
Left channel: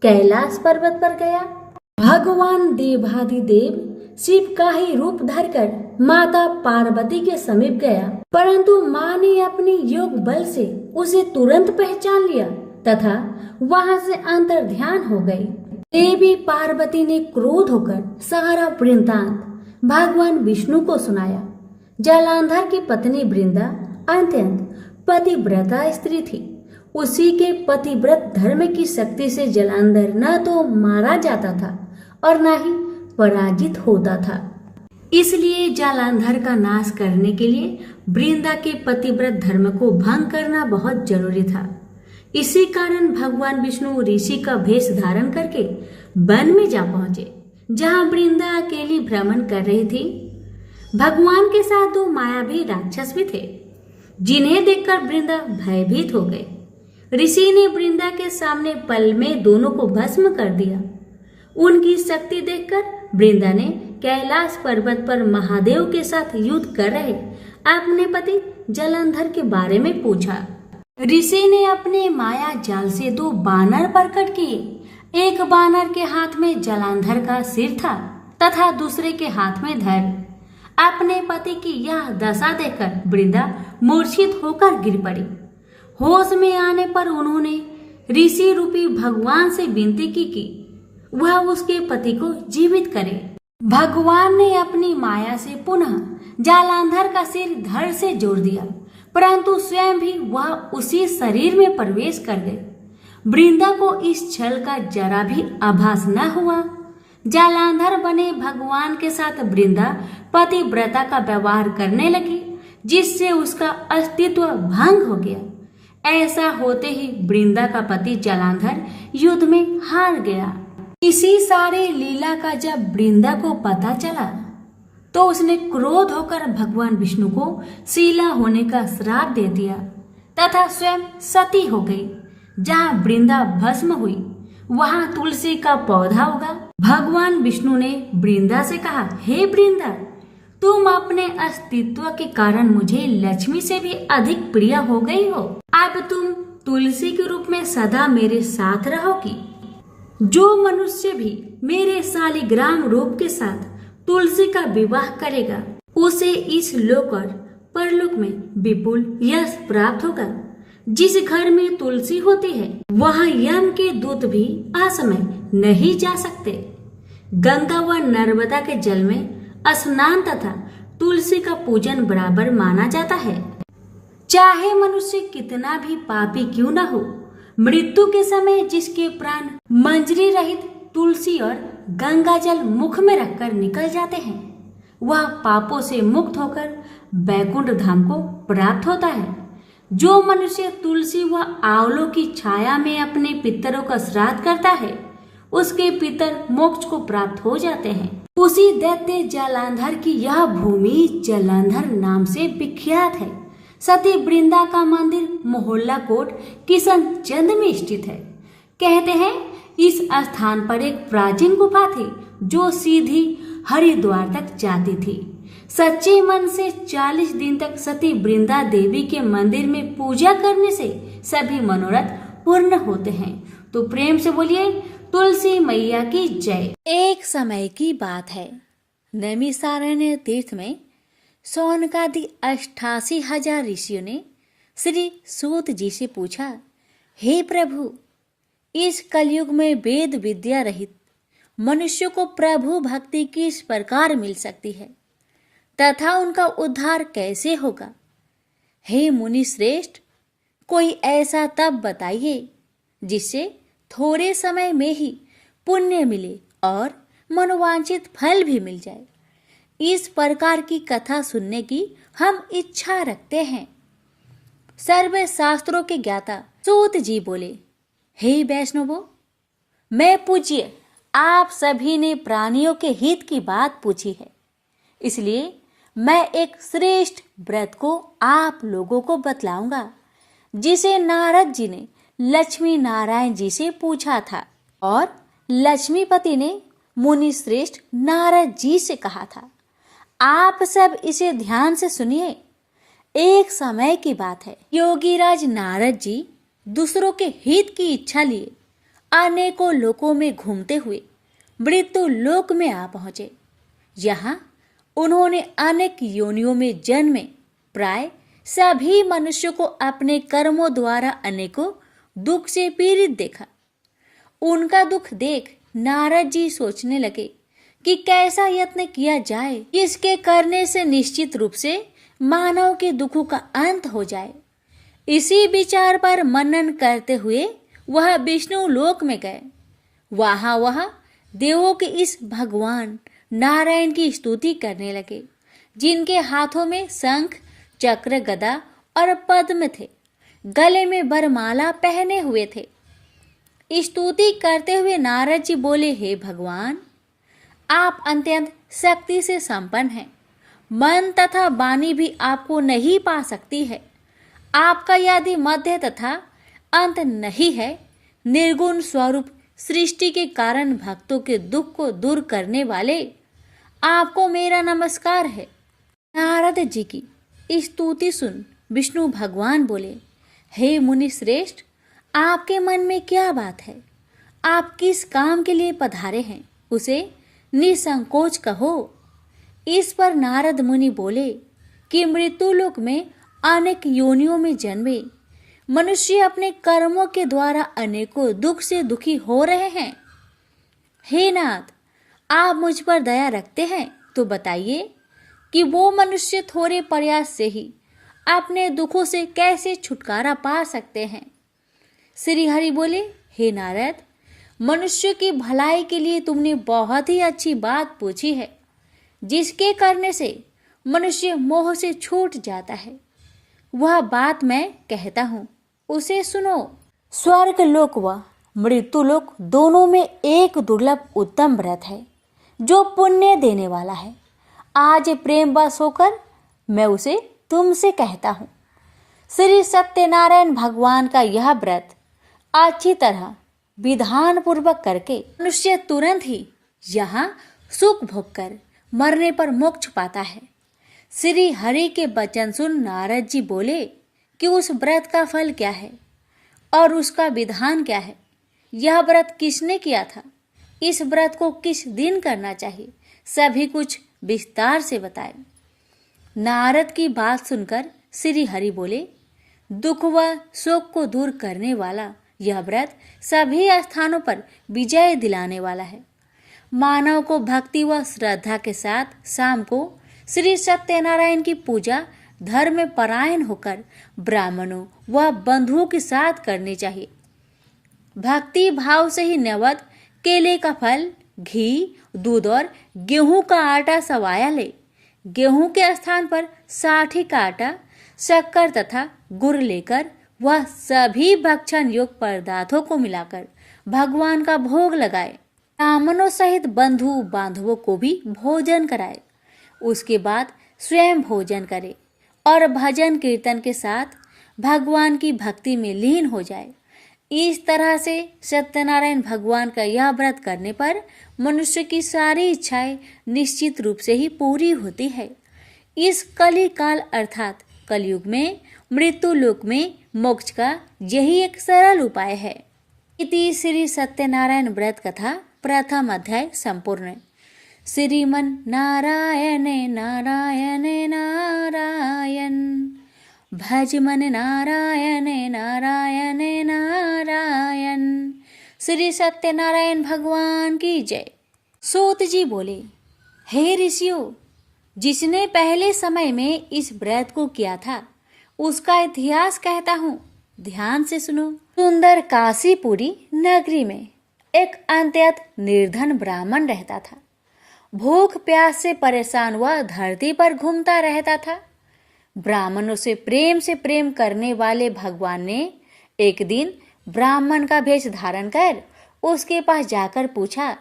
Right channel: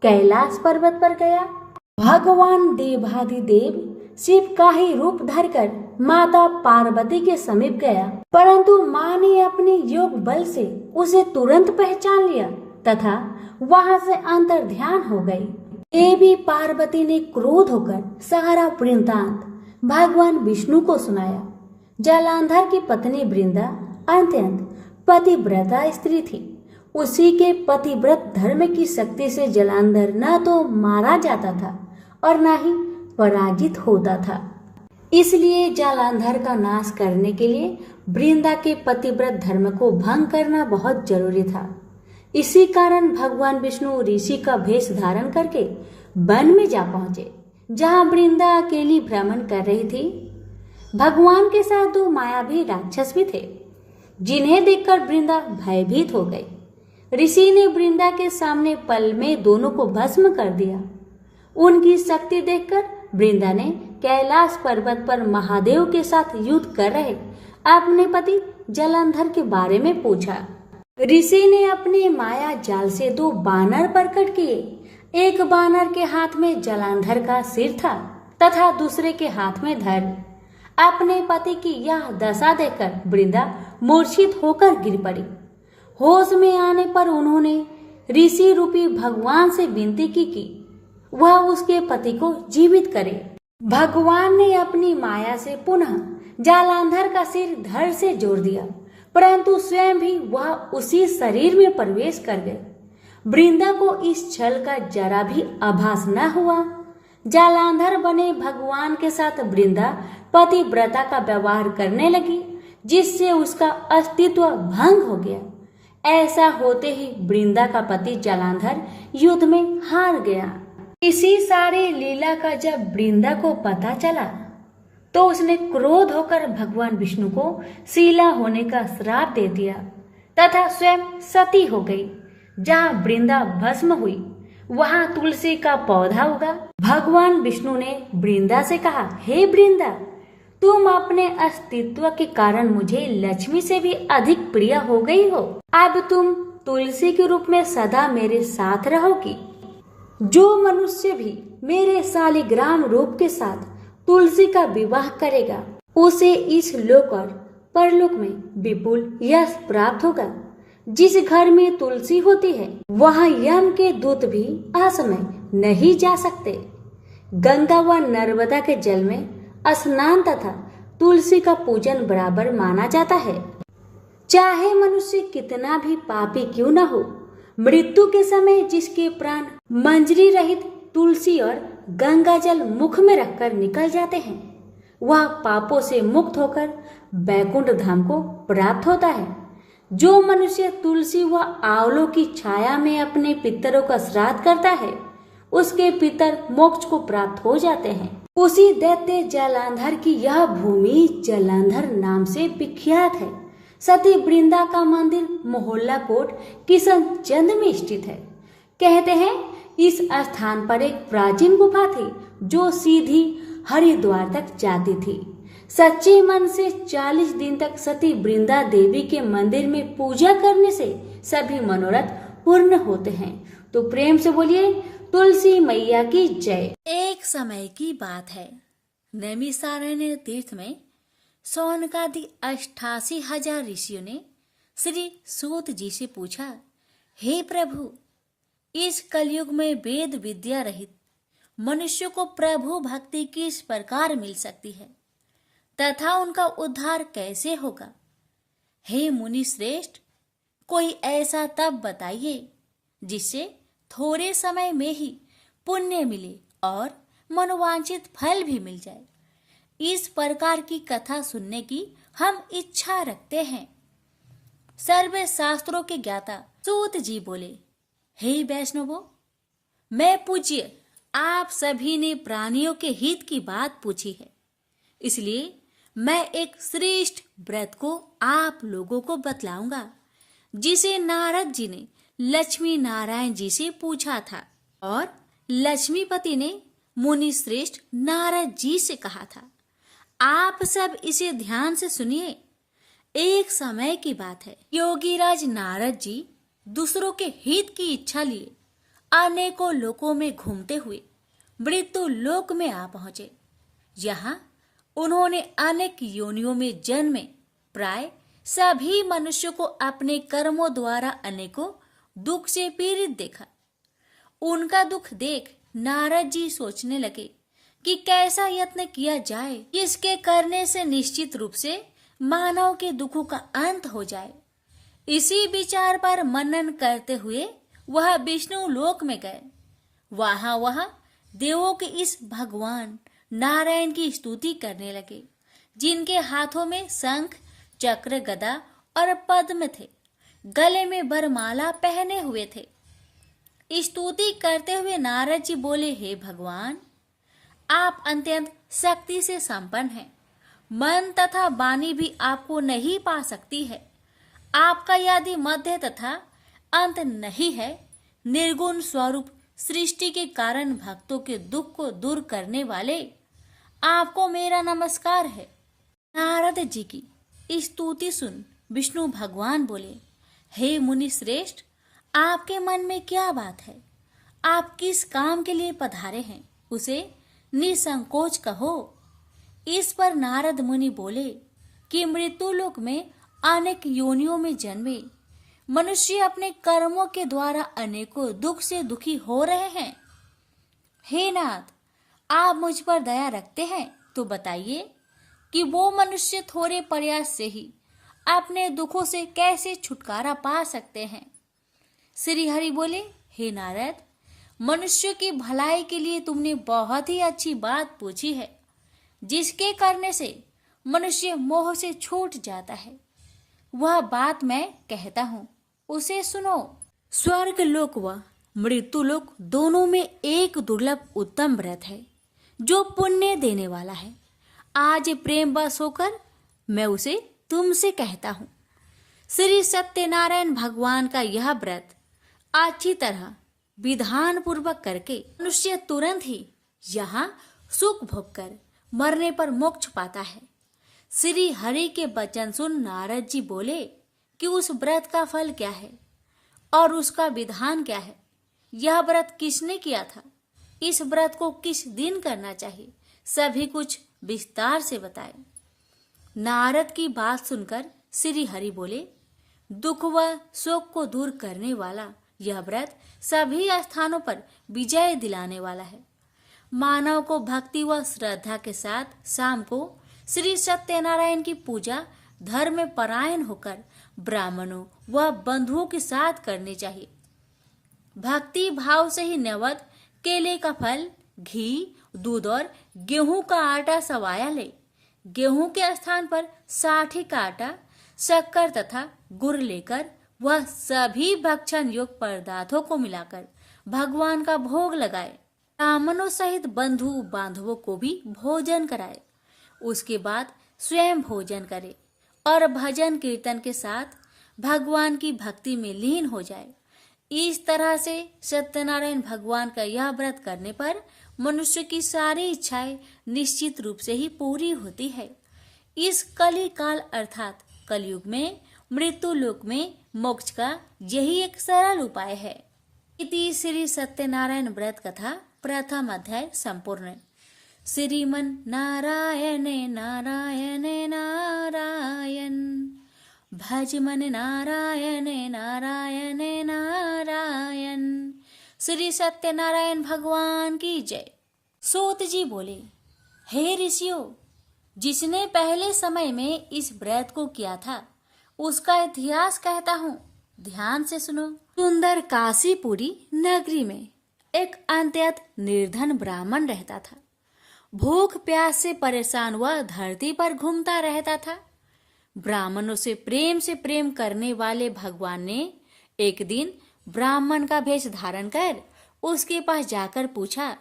कैलाश पर्वत पर गया। भगवान देवाधिदेव शिव का ही रूप धरकर माता पार्वती के समीप गया, परंतु मां ने अपने योग बल से उसे तुरंत पहचान लिया तथा वहां से अंतर्ध्यान हो गई। देवी पार्वती ने क्रोध होकर सारा वृत्तांत भगवान विष्णु को सुनाया। जलंधर की पत्नी वृंदा अत्यंत पतिव्रता स्त्री थी। उसी के पतिव्रत धर्म की शक्ति से जलंधर न तो मारा जाता था और न ही पराजित होता था। इसलिए जलंधर का नाश करने के लिए वृंदा के पतिव्रत धर्म को भंग करना बहुत जरूरी था। इसी कारण भगवान विष्णु ऋषि का भेष धारण करके वन में जा पहुंचे, जहां वृंदा अकेली भ्रमण कर रही थी। भगवान के साथ दो मायावी राक्षस भी थे, जिन्हें देखकर वृंदा भयभीत हो गई। ऋषि ने वृंदा के सामने पल में दोनों को भस्म कर दिया। उनकी शक्ति देखकर वृंदा ने कैलाश पर्वत पर महादेव के साथ युद्ध कर रहे अपने पति जलंधर के बारे में पूछा। ऋषि ने अपने माया जाल से दो बानर प्रकट किए। एक बानर के हाथ में जलंधर का सिर था तथा दूसरे के हाथ में धड़। अपने पति की यह दशा देखकर वृंदा मूर्छित होकर गिर पड़ी। होश में आने पर उन्होंने ऋषि रूपी भगवान से विनती की कि वह उसके पति को जीवित करे। भगवान ने अपनी माया से पुनः जालंधर का सिर धड़ से जोड़ दिया, परंतु स्वयं भी वह उसी शरीर में प्रवेश कर गए। वृंदा को इस छल का जरा भी आभास न हुआ। जालंधर बने भगवान के साथ वृंदा पतिव्रता का व्यवहार करने लगी, जिससे उसका अस्तित्व भंग हो गया। ऐसा होते ही वृंदा का पति जालंधर युद्ध में हार गया। इसी सारे लीला का जब वृंदा को पता चला तो उसने क्रोध होकर भगवान विष्णु को शीला होने का श्राप दे दिया तथा स्वयं सती हो गई। जहाँ वृंदा भस्म हुई वहाँ तुलसी का पौधा उगा। भगवान विष्णु ने वृंदा से कहा, हे वृंदा, तुम अपने अस्तित्व के कारण मुझे लक्ष्मी से भी अधिक प्रिय हो गई हो। अब तुम तुलसी के रूप में सदा मेरे साथ रहोगी। जो मनुष्य भी मेरे शालिग्राम रूप के साथ तुलसी का विवाह करेगा उसे इस लोक और परलोक में विपुल यश प्राप्त होगा। जिस घर में तुलसी होती है वहाँ यम के दूत भी असमय नहीं जा सकते। गंगा व नर्मदा के जल में स्नान तथा तुलसी का पूजन बराबर माना जाता है। चाहे मनुष्य कितना भी पापी क्यों न हो, मृत्यु के समय जिसके प्राण मंजरी रहित तुलसी और गंगा जल मुख में रखकर निकल जाते हैं, वह पापों से मुक्त होकर बैकुंठ धाम को प्राप्त होता है। जो मनुष्य तुलसी व आंवलों की छाया में अपने पितरों का श्राद्ध करता है, उसके पितर मोक्ष को प्राप्त हो जाते हैं। उसी दैत्य जालंधर की यह भूमि जालंधर नाम से विख्यात है। सती वृंदा का मंदिर मोहल्ला कोट किशनचंद में स्थित है। कहते हैं इस स्थान पर एक प्राचीन गुफा थी जो सीधी हरिद्वार तक जाती थी। सच्चे मन से 40 दिन तक सती वृंदा देवी के मंदिर में पूजा करने से सभी मनोरथ पूर्ण होते हैं। तो प्रेम से बोलिए तुलसी मैया की जय। एक समय की बात है, नैमिषारण्य तीर्थ में सौनकादि 88,000 ऋषियों ने श्री सूत जी से पूछा, हे प्रभु, इस कलयुग में वेद विद्या रहित मनुष्य को प्रभु भक्ति किस प्रकार मिल सकती है तथा उनका उद्धार कैसे होगा? हे मुनि श्रेष्ठ, कोई ऐसा तप बताइए जिससे थोड़े समय में ही पुण्य मिले और मनोवांछित फल भी मिल जाए। इस प्रकार की कथा सुनने की हम इच्छा रखते हैं। सर्व शास्त्रों के ज्ञाता सूत जी बोले, हे वैष्णवों, मैं पूज्य आप सभी ने प्राणियों के हित की बात पूछी है, इसलिए मैं एक श्रेष्ठ व्रत को आप लोगों को बतलाऊंगा जिसे नारद जी ने लक्ष्मी नारायण जी से पूछा था और लक्ष्मीपति ने मुनि श्रेष्ठ नारद जी से कहा था। आप सब इसे ध्यान से सुनिए। एक समय की बात है, योगीराज नारद जी दूसरों के हित की इच्छा लिए अनेकों लोकों में घूमते हुए मृत्यु लोक में आ पहुंचे। यहाँ उन्होंने अनेक योनियों में जन्मे प्राय सभी मनुष्यों को अपने कर्मों द्वारा अनेकों दुख से पीड़ित देखा। उनका दुख देख नारद जी सोचने लगे कि कैसा यत्न किया जाए इसके करने से निश्चित रूप से मानव के दुखों का अंत हो जाए। इसी विचार पर मनन करते हुए वह विष्णु लोक में गए। वह देवों के इस भगवान नारायण की स्तुति करने लगे, जिनके हाथों में शंख, चक्र, गदा और पद्म थे, गले में वरमाला पहने हुए थे। स्तुति करते हुए नारद जी बोले, हे भगवान, आप अत्यंत शक्ति से संपन्न हैं, मन तथा वाणी भी आपको नहीं पा सकती है। आपका यदि मध्य तथा अंत नहीं है, निर्गुण स्वरूप सृष्टि के कारण भक्तों के दुख को दूर करने वाले, आपको मेरा नमस्कार है। नारद जी की स्तुति सुन विष्णु भगवान बोले, हे मुनि श्रेष्ठ, आपके मन में क्या बात है? आप किस काम के लिए पधारे हैं, उसे निसंकोच कहो। इस पर नारद मुनि बोले कि मृत्युलोक में अनेक योनियों में जन्मे मनुष्य अपने कर्मों के द्वारा अनेकों दुख से दुखी हो रहे हैं। हे नाथ, आप मुझ पर दया रखते हैं तो बताइए कि वो मनुष्य थोड़े प्रयास से ही अपने दुखों से कैसे छुटकारा पा सकते हैं। श्री हरि बोले, हे नारद, मनुष्य की भलाई के लिए तुमने बहुत ही अच्छी बात पूछी है, जिसके करने से मनुष्य मोह से छूट जाता है। वह बात मैं कहता हूँ, उसे सुनो। स्वर्ग लोक व मृत्यु लोक दोनों में एक दुर्लभ उत्तम व्रत है जो पुण्य देने वाला है। आज प्रेम वश होकर मैं उसे तुमसे कहता हूँ। श्री सत्यनारायण भगवान का यह व्रत अच्छी तरह विधान पूर्वक करके मनुष्य तुरंत ही यहाँ सुख भोग कर मरने पर मोक्ष पाता है। श्री हरि के वचन सुन नारद जी बोले कि उस व्रत का फल क्या है और उसका विधान क्या है। यह व्रत किसने किया था, इस व्रत को किस दिन करना चाहिए, सभी कुछ विस्तार से बताए। नारद की बात सुनकर श्री हरि बोले, दुख व शोक को दूर करने वाला यह व्रत सभी स्थानों पर विजय दिलाने वाला है। मानव को भक्ति व श्रद्धा के साथ शाम को श्री सत्यनारायण की पूजा धर्म में परायण होकर ब्राह्मणों व बंधुओं के साथ करनी चाहिए। भक्ति भाव से ही नैवेद्य केले का फल, घी, दूध और गेहूं का आटा सवाया ले। गेहूं के स्थान पर साठी का आटा, शक्कर तथा गुड़ लेकर वह सभी भक्षण योग्य पदार्थों को मिलाकर भगवान का भोग लगाए। ब्राह्मणों सहित बंधु बांधवों को भी भोजन कराए। उसके बाद स्वयं भोजन करे और भजन कीर्तन के साथ भगवान की भक्ति में लीन हो जाए। इस तरह से सत्यनारायण भगवान का यह व्रत करने पर मनुष्य की सारी इच्छाएं निश्चित रूप से ही पूरी होती है। इस कली काल अर्थात कलयुग में मृत्यु लोक में मोक्ष का यही एक सरल उपाय है। इति श्री सत्यनारायण व्रत कथा प्रथम अध्याय संपूर्ण। श्रीमन नारायण नारायण नारायण, भज मन नारायण नारायण नारायण। श्री सत्यनारायण भगवान की जय। सूत जी बोले, हे ऋषियों, जिसने पहले समय में इस व्रत को किया था उसका इतिहास कहता हूँ, ध्यान से सुनो। सुंदर काशीपुरी नगरी में एक अत्यंत निर्धन ब्राह्मण रहता था। भूख प्यास से परेशान हुआ धरती पर घूमता रहता था। ब्राह्मणों से प्रेम करने वाले भगवान ने एक दिन ब्राह्मण का भेष धारण कर उसके पास जाकर पूछा,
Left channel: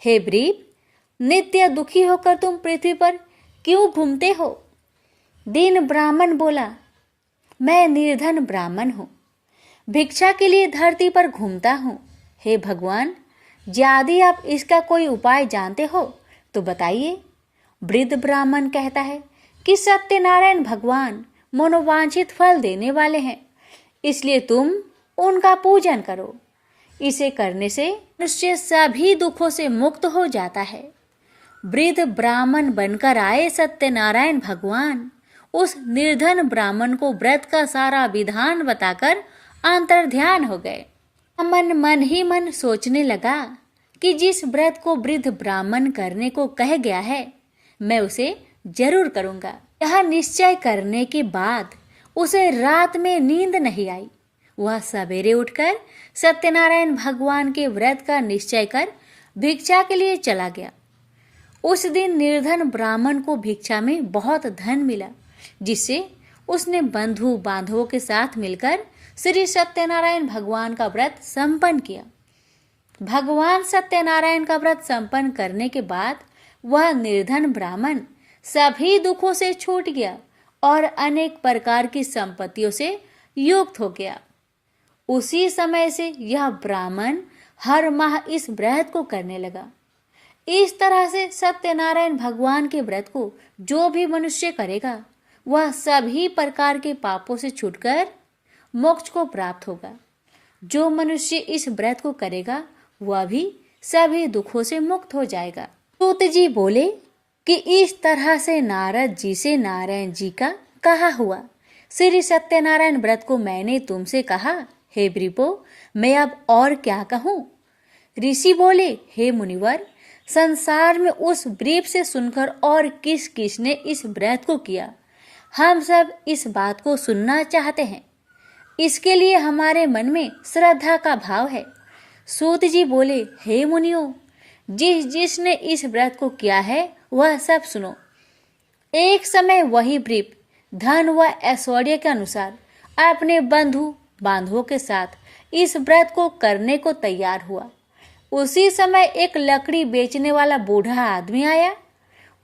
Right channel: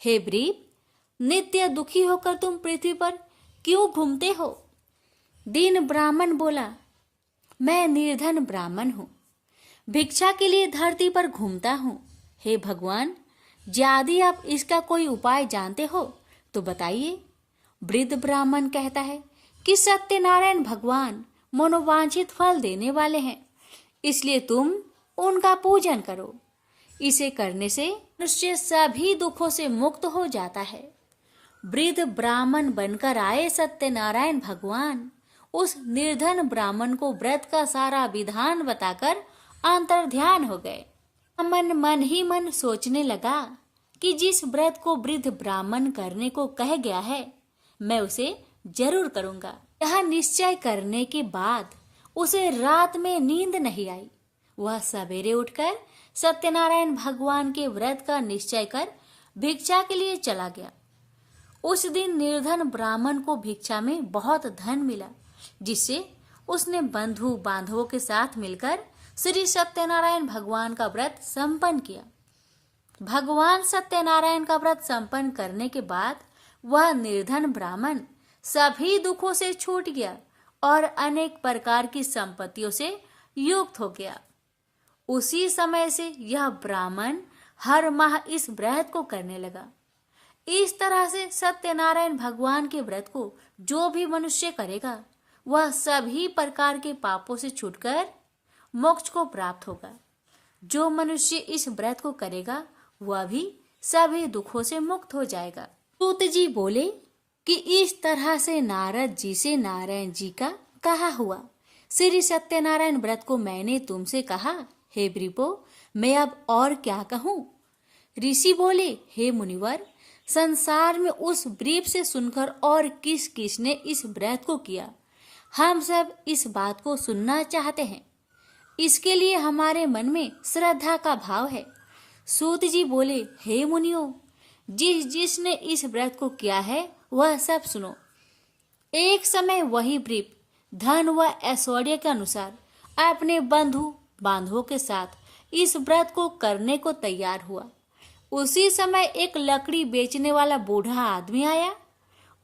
हे ब्रीप, नित्य दुखी होकर तुम पृथ्वी पर क्यों घूमते हो? दीन ब्राह्मण बोला, मैं निर्धन ब्राह्मण हूँ, भिक्षा के लिए धरती पर घूमता हूँ। हे भगवान, यदि आप इसका कोई उपाय जानते हो तो बताइए। वृद्ध ब्राह्मण कहता है कि सत्यनारायण भगवान मनोवांछित फल देने वाले हैं, इसलिए तुम उनका पूजन करो। इसे करने से मनुष्य सभी दुखों से मुक्त हो जाता है। वृद्ध ब्राह्मण बनकर आए सत्यनारायण भगवान उस निर्धन ब्राह्मण को व्रत का सारा विधान बताकर अंतर्ध्यान हो गए। मन ही मन सोचने लगा कि जिस व्रत को वृद्ध ब्राह्मण करने को कह गया है मैं उसे जरूर करूंगा। यह निश्चय करने के बाद उसे रात में नींद नहीं आई। वह सवेरे उठकर सत्यनारायण भगवान के व्रत का निश्चय कर भिक्षा के लिए चला गया। उस दिन निर्धन ब्राह्मण को भिक्षा में बहुत धन मिला, जिससे उसने बंधु बांधवों के साथ मिलकर श्री सत्यनारायण भगवान का व्रत संपन्न किया। भगवान सत्यनारायण का व्रत संपन्न करने के बाद वह निर्धन ब्राह्मण सभी दुखों से छूट गया और अनेक प्रकार की संपत्तियों से युक्त हो गया। उसी समय से यह ब्राह्मण हर माह इस व्रत को करने लगा। इस तरह से सत्यनारायण भगवान के व्रत को जो भी मनुष्य करेगा वह सभी प्रकार के पापों से छूटकर मोक्ष को प्राप्त होगा। जो मनुष्य इस व्रत को करेगा वह भी सभी दुखों से मुक्त हो जाएगा। सूत जी बोले कि इस तरह से नारद जी से नारायण जी का कहा हुआ श्री सत्यनारायण व्रत को मैंने तुमसे कहा। हे वृपो, मैं अब और क्या कहूँ? ऋषि बोले, हे मुनिवर, संसार में उस व्रीप से सुनकर और किस किस ने इस व्रत को किया, हम सब इस बात को सुनना चाहते हैं। इसके लिए हमारे मन में श्रद्धा का भाव है। सूत जी बोले, हे मुनियों, जिसने इस व्रत को किया है वह सब सुनो। एक समय वही व्रीप धन व ऐश्वर्य के अनुसार अपने बंधु बांधवों के साथ इस व्रत को करने को तैयार हुआ। उसी समय एक लकड़ी बेचने वाला बूढ़ा आदमी आया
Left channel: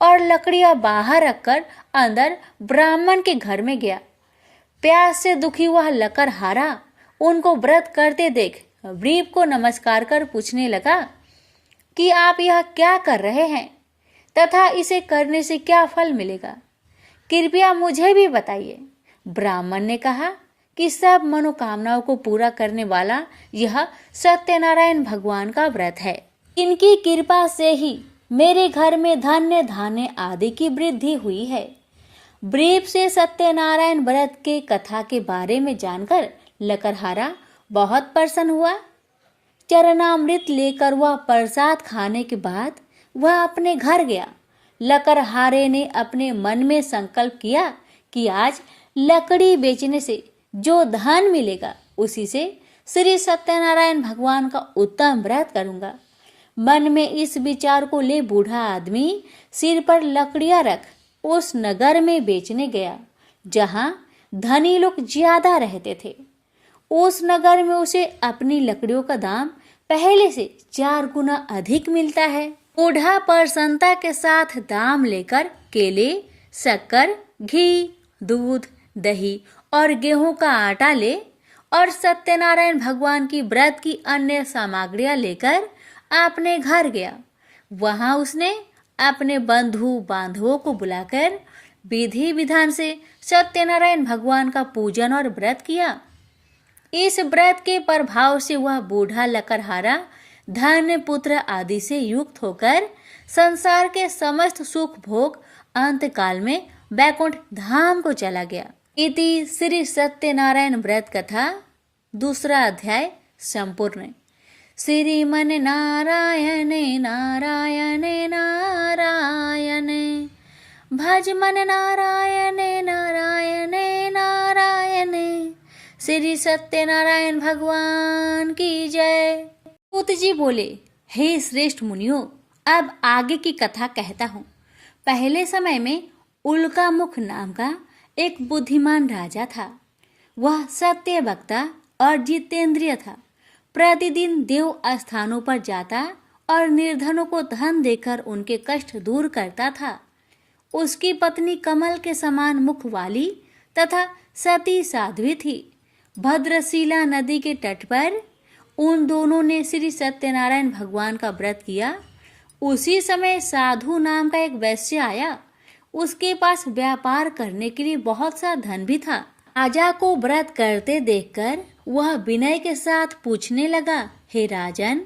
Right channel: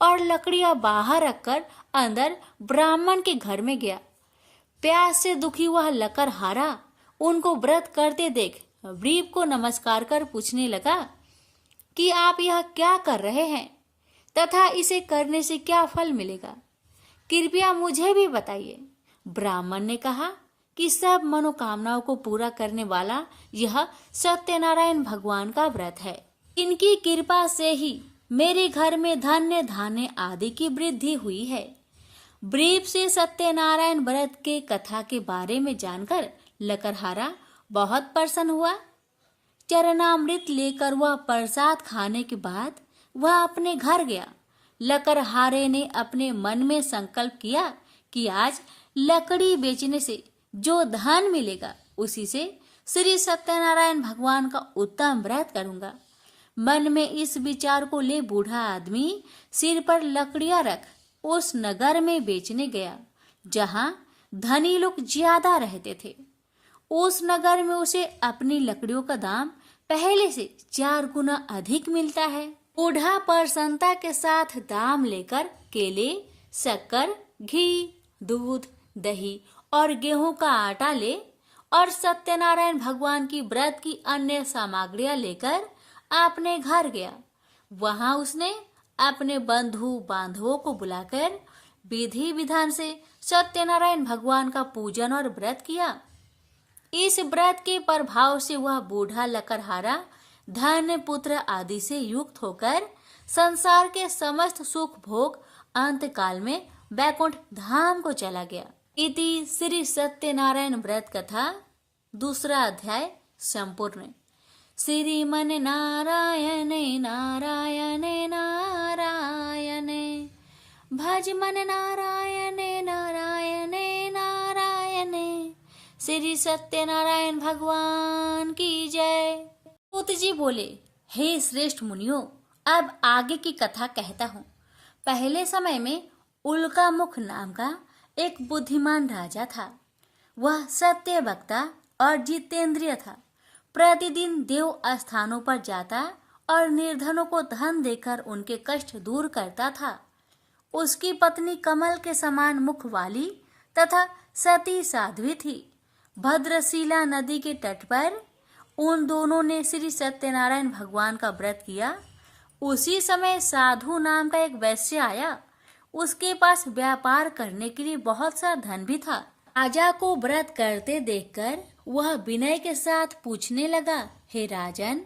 और लकड़ियां बाहर रखकर अंदर ब्राह्मण के घर में गया। प्यास से दुखी वह लकड़हारा उनको व्रत करते देख व्रीप को नमस्कार कर पूछने लगा कि आप यह क्या कर रहे हैं तथा इसे करने से क्या फल मिलेगा, कृपया मुझे भी बताइए। ब्राह्मण ने कहा कि सब मनोकामनाओं को पूरा करने वाला यह सत्यनारायण भगवान का व्रत है। इनकी कृपा से ही मेरे घर में धन्य धान्य आदि की वृद्धि हुई है। व्रीप से सत्यनारायण व्रत के कथा के बारे में जानकर लकड़हारा बहुत प्रसन्न हुआ। चरणामृत लेकर वह प्रसाद खाने के बाद वह अपने घर गया। लकड़हारे ने अपने मन में संकल्प किया कि आज लकड़ी बेचने से जो धन मिलेगा उसी से श्री सत्यनारायण भगवान का उत्तम व्रत करूंगा। मन में इस विचार को ले बूढ़ा आदमी सिर पर लकड़ियां रख उस नगर में बेचने गया जहां धनी लोग ज्यादा रहते थे। उस नगर में उसे अपनी लकड़ियों का दाम पहले से 4 गुना अधिक मिलता है। बूढ़ा प्रसन्नता के साथ दाम लेकर केले, शक्कर, घी, दूध, दही और गेहूं का आटा ले और सत्यनारायण भगवान की व्रत की अन्य सामग्रियां लेकर अपने घर गया। वहां उसने अपने बंधु बांधवों को बुलाकर विधि विधान से सत्यनारायण भगवान का पूजन और व्रत किया। इस व्रत के प्रभाव से वह बूढ़ा लकड़हारा धन पुत्र आदि से युक्त होकर संसार के समस्त सुख भोग अंत काल में वैकुंठ धाम को चला गया। इति श्री सत्यनारायण व्रत कथा 2 अध्याय संपूर्ण। श्रीमन नारायण नारायण नारायण भज मन नारायण नारायण नारायण। श्री सत्यनारायण भगवान की जय। सूत जी बोले, हे श्रेष्ठ मुनियों, अब आगे की कथा कहता हूँ। पहले समय में उल्कामुख नाम का एक बुद्धिमान राजा था। वह सत्य वक्ता और जितेंद्रिय था। प्रतिदिन देव स्थानों पर जाता और निर्धनों को धन देकर उनके कष्ट दूर करता था। उसकी पत्नी कमल के समान मुख वाली तथा सती साध्वी थी। भद्रशिला नदी के तट पर उन दोनों ने श्री सत्यनारायण भगवान का व्रत किया। उसी समय साधु नाम का एक वैश्य आया। उसके पास व्यापार करने के लिए बहुत सा धन भी था। राजा को व्रत करते देखकर वह विनय के साथ पूछने लगा, हे राजन,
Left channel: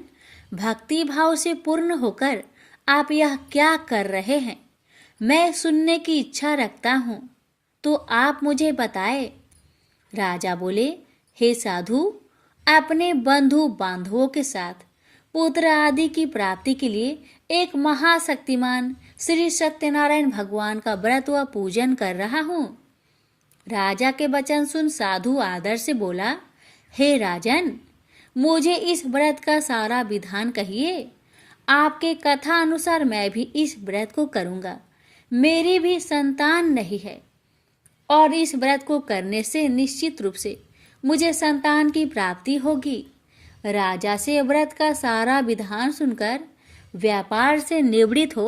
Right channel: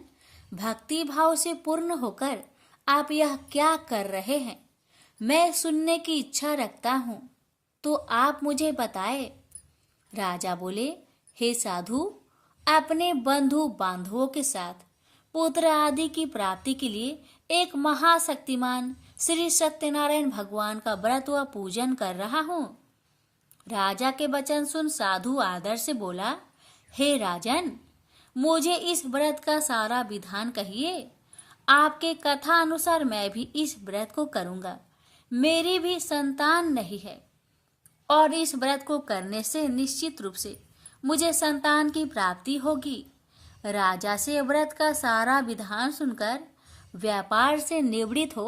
भक्ति भाव से पूर्ण होकर आप यह क्या कर रहे हैं? मैं सुनने की इच्छा रखता हूँ, तो आप मुझे बताए। राजा बोले, हे साधु, अपने बंधु बांधवों के साथ पुत्र आदि की प्राप्ति के लिए एक महाशक्तिमान श्री सत्यनारायण भगवान का व्रत व पूजन कर रहा हूँ। राजा के वचन सुन साधु आदर से बोला, हे राजन, मुझे इस व्रत का सारा विधान कहिए। आपके कथा अनुसार मैं भी इस व्रत को करूँगा। मेरी भी संतान नहीं है और इस व्रत को करने से निश्चित रूप से मुझे संतान की प्राप्ति होगी। राजा से व्रत का सारा विधान सुनकर व्यापार से निवृत्त हो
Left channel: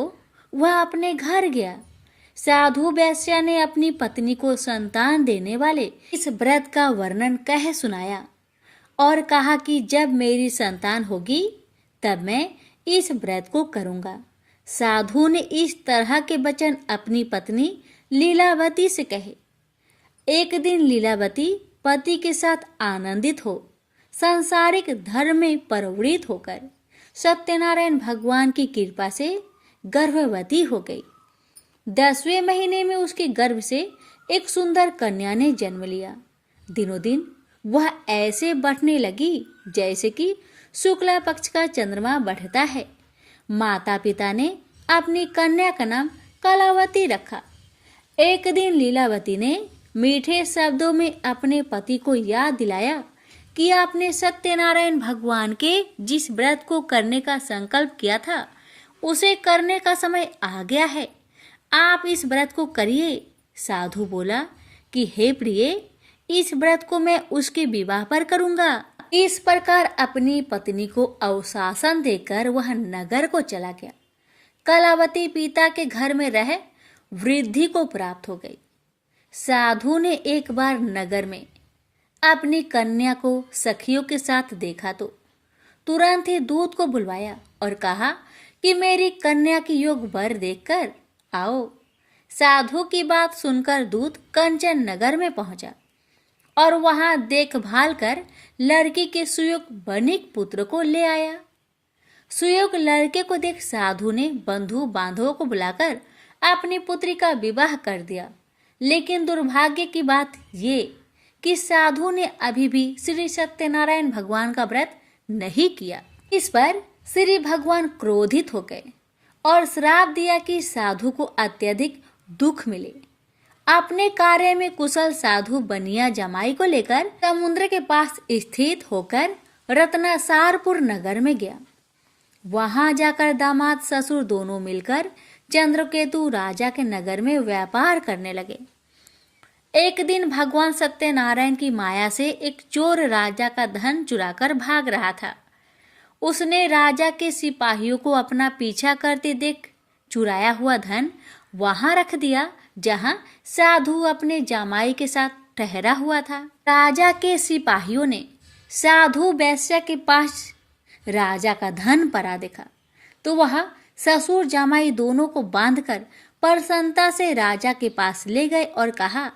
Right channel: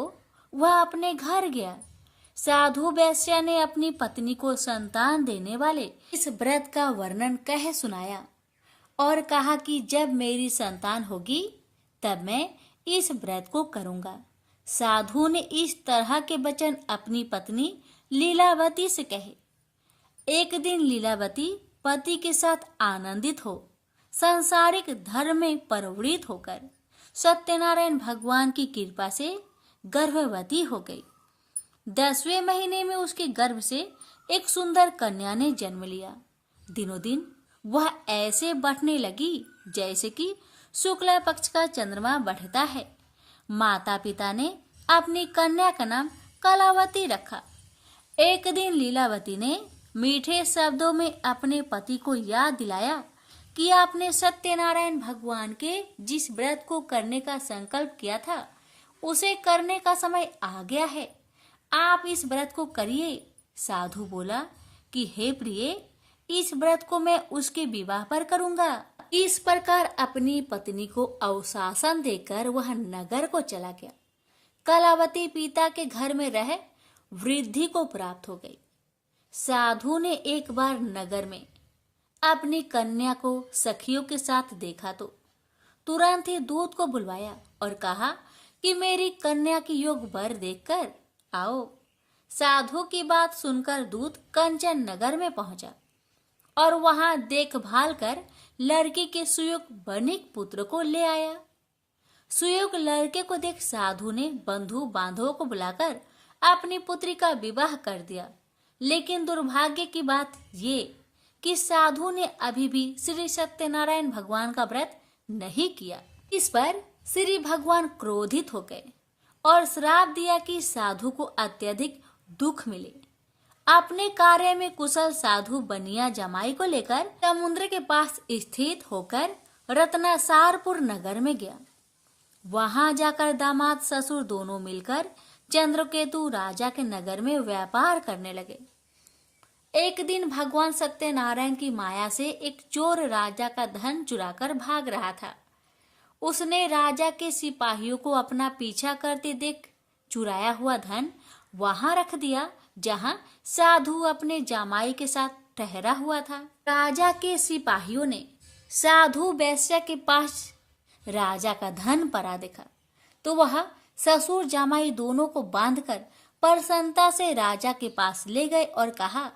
वह अपने घर गया। साधु वैश्या ने अपनी पत्नी को संतान देने वाले इस व्रत का वर्णन कह सुनाया और कहा कि जब मेरी संतान होगी तब मैं इस व्रत को करूंगा। साधु ने इस तरह के वचन अपनी पत्नी लीलावती से कहे। एक दिन लीलावती पति के साथ आनंदित हो सांसारिक धर्म में प्रवृत्त होकर सत्यनारायण भगवान की कृपा से गर्भवती हो गई। 10वें महीने में उसके गर्भ से एक सुंदर कन्या ने जन्म लिया। दिनों दिन वह ऐसे बढ़ने लगी जैसे कि शुक्ला पक्ष का चंद्रमा बढ़ता है। माता पिता ने अपनी कन्या का नाम कलावती रखा। एक दिन लीलावती ने मीठे शब्दों में अपने पति को याद दिलाया कि आपने सत्यनारायण भगवान के जिस व्रत को करने का संकल्प किया था उसे करने का समय आ गया है, आप इस व्रत को करिए। साधु बोला कि हे प्रिय, इस व्रत को मैं उसके विवाह पर करूंगा। इस प्रकार अपनी पत्नी को अवशासन देकर वह नगर को चला गया। कलावती पिता के घर में रह वृद्धि को प्राप्त हो गई। साधु ने एक बार नगर में अपनी कन्या को सखियों के साथ देखा तो तुरंत ही दूत को बुलवाया और कहा कि मेरी कन्या की योग वर देखकर आओ। साधु की बात सुनकर दूत कंचन नगर में पहुंचा और वहां देखभाल कर लड़की के सुयोग बनिक पुत्र को ले आया। सुयोग लड़के को देख साधु ने बंधु बांधवों को बुलाकर अपनी पुत्री का विवाह कर दिया। लेकिन दुर्भाग्य की बात ये कि साधु ने अभी भी श्री सत्यनारायण भगवान का व्रत नहीं किया। इस पर श्री भगवान क्रोधित हो गए और श्राप दिया कि साधु को अत्यधिक दुख मिले। अपने कार्य में कुशल साधु बनिया जमाई को लेकर समुद्र के पास स्थित होकर रत्नासारपुर नगर में गया। वहां जाकर दामाद ससुर दोनों मिलकर चंद्रकेतु राजा के नगर में व्यापार करने लगे। एक दिन भगवान सत्यनारायण की माया से एक चोर राजा का धन चुराकर भाग रहा था। उसने राजा के सिपाहियों को अपना पीछा करते देख चुराया हुआ धन वहां रख दिया जहां साधु अपने जामाई के साथ ठहरा हुआ था। राजा के सिपाहियों ने साधु वैश्या के पास राजा का धन पड़ा देखा तो वह ससुर जामाई दोनों को बांधकर प्रसन्नता से राजा के पास ले गए और कहा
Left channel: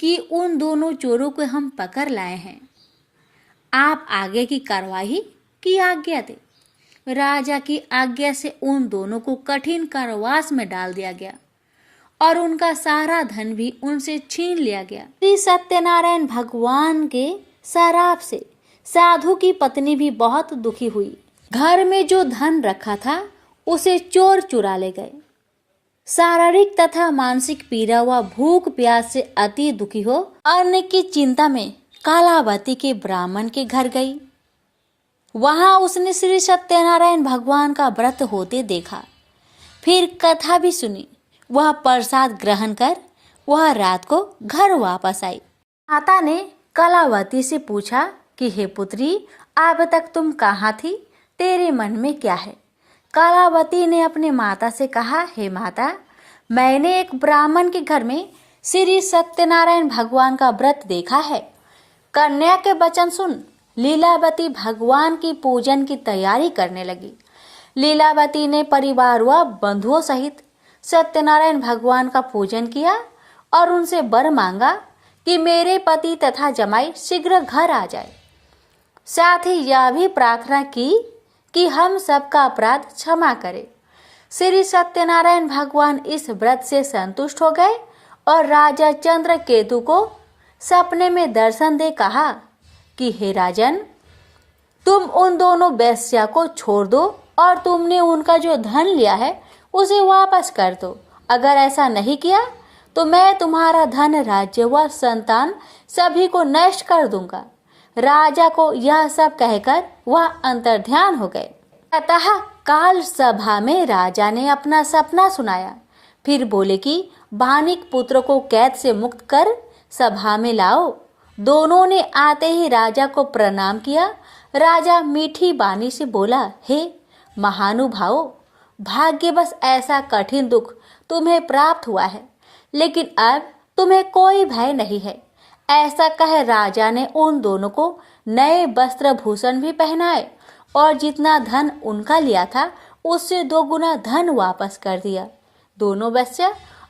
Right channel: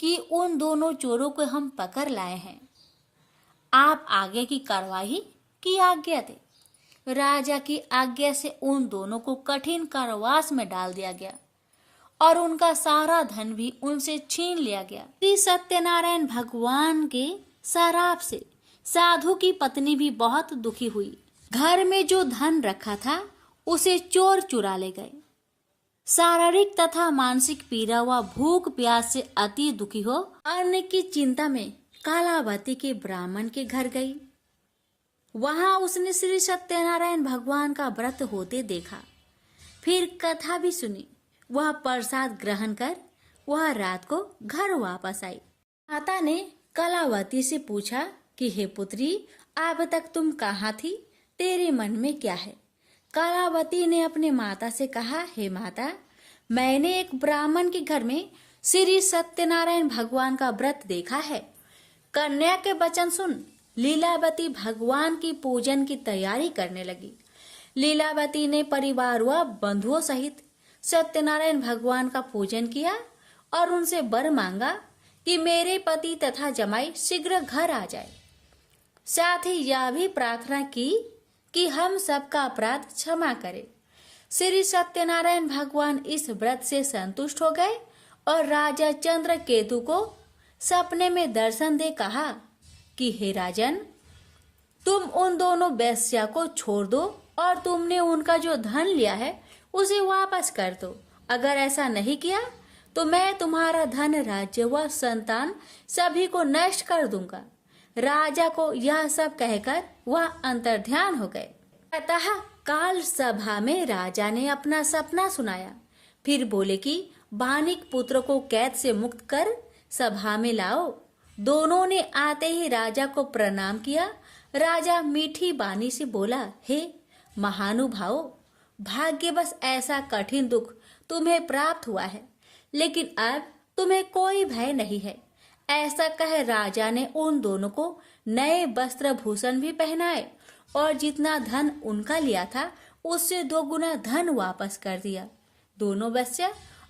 कि उन दोनों चोरों को हम पकड़ लाए हैं, आप आगे की कार्रवाई की आज्ञा दे। राजा की आज्ञा से उन दोनों को कठिन कारावास में डाल दिया गया और उनका सारा धन भी उनसे छीन लिया गया। श्री सत्यनारायण भगवान के श्राप से साधु की पत्नी भी बहुत दुखी हुई। घर में जो धन रखा था उसे चोर चुरा ले गए। शारीरिक तथा मानसिक पीड़ा व भूख प्यास से अति दुखी हो अन्न की चिंता में कालावती के ब्राह्मण के घर गई। वहां उसने श्री सत्यनारायण भगवान का व्रत होते देखा। फिर कथा भी सुनी। वह प्रसाद ग्रहण कर वह रात को घर वापस आई। माता ने कलावती से पूछा कि हे पुत्री, अब तक तुम कहाँ थी, तेरे मन में क्या है? कलावती ने अपने माता से कहा, हे माता, मैंने एक ब्राह्मण के घर में श्री सत्यनारायण भगवान का व्रत देखा है। कन्या के वचन सुन लीलावती भगवान की पूजन की तैयारी करने लगी। लीलावती ने परिवार व बंधुओं सहित सत्यनारायण भगवान का पूजन किया और उनसे वर मांगा कि मेरे पति तथा जमाई शीघ्र घर आ जाए। साथ ही यह भी प्रार्थना की कि हम सबका अपराध क्षमा करे। श्री सत्यनारायण भगवान इस व्रत से संतुष्ट हो गए और राजा चंद्रकेतु को सपने में दर्शन दे कहा कि हे राजन, तुम उन दोनों वेश्या को छोड़ दो और तुमने उनका जो धन लिया है उसे वापस कर दो। अगर ऐसा नहीं किया तो मैं तुम्हारा धन, राज्य व संतान सभी को नष्ट कर दूंगा। राजा को यह सब कहकर वह अंतर्ध्यान हो गए। अतः काल सभा में राजा ने अपना सपना सुनाया। फिर बोले कि बानिक पुत्र को कैद से मुक्त कर सभा में लाओ। दोनों ने आते ही राजा को प्रणाम किया। राजा मीठी बानी से बोला, हे महानुभावों, भाग्यवश ऐसा कठिन दुख तुम्हें प्राप्त हुआ है। लेकिन अब तुम्हें कोई भय नहीं है। ऐसा कह राजा ने उन दोनों को नए वस्त्र भूषण भी पहनाए और जितना धन उनका लिया था उससे 2 गुना धन वापस कर दिया। दोनों बच्चे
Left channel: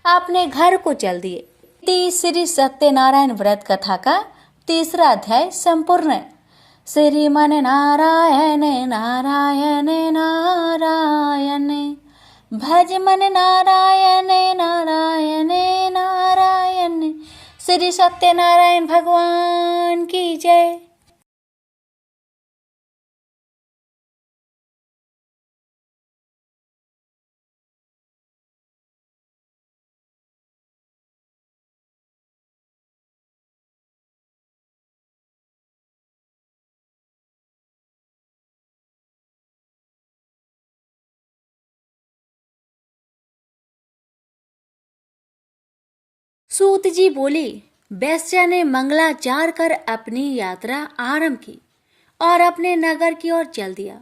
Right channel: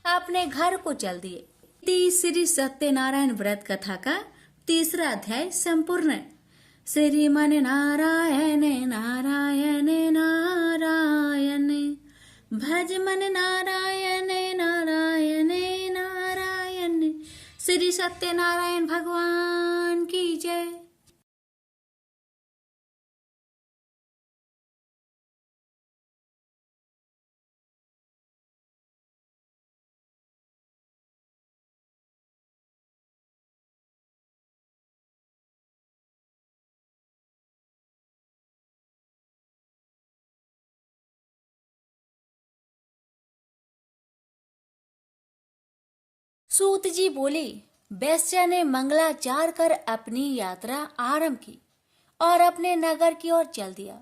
अपने घर को चल दिए। श्री सत्यनारायण व्रत कथा का 3रा अध्याय संपूर्ण। श्रीमन नारायण नारायण नारायण, भज मन नारायण नारायण नारायण। श्री सत्यनारायण भगवान की जय। सूत जी बोली, वैश्या ने मंगलाचार कर अपनी यात्रा आरंभ की और अपने नगर की ओर चल दिया।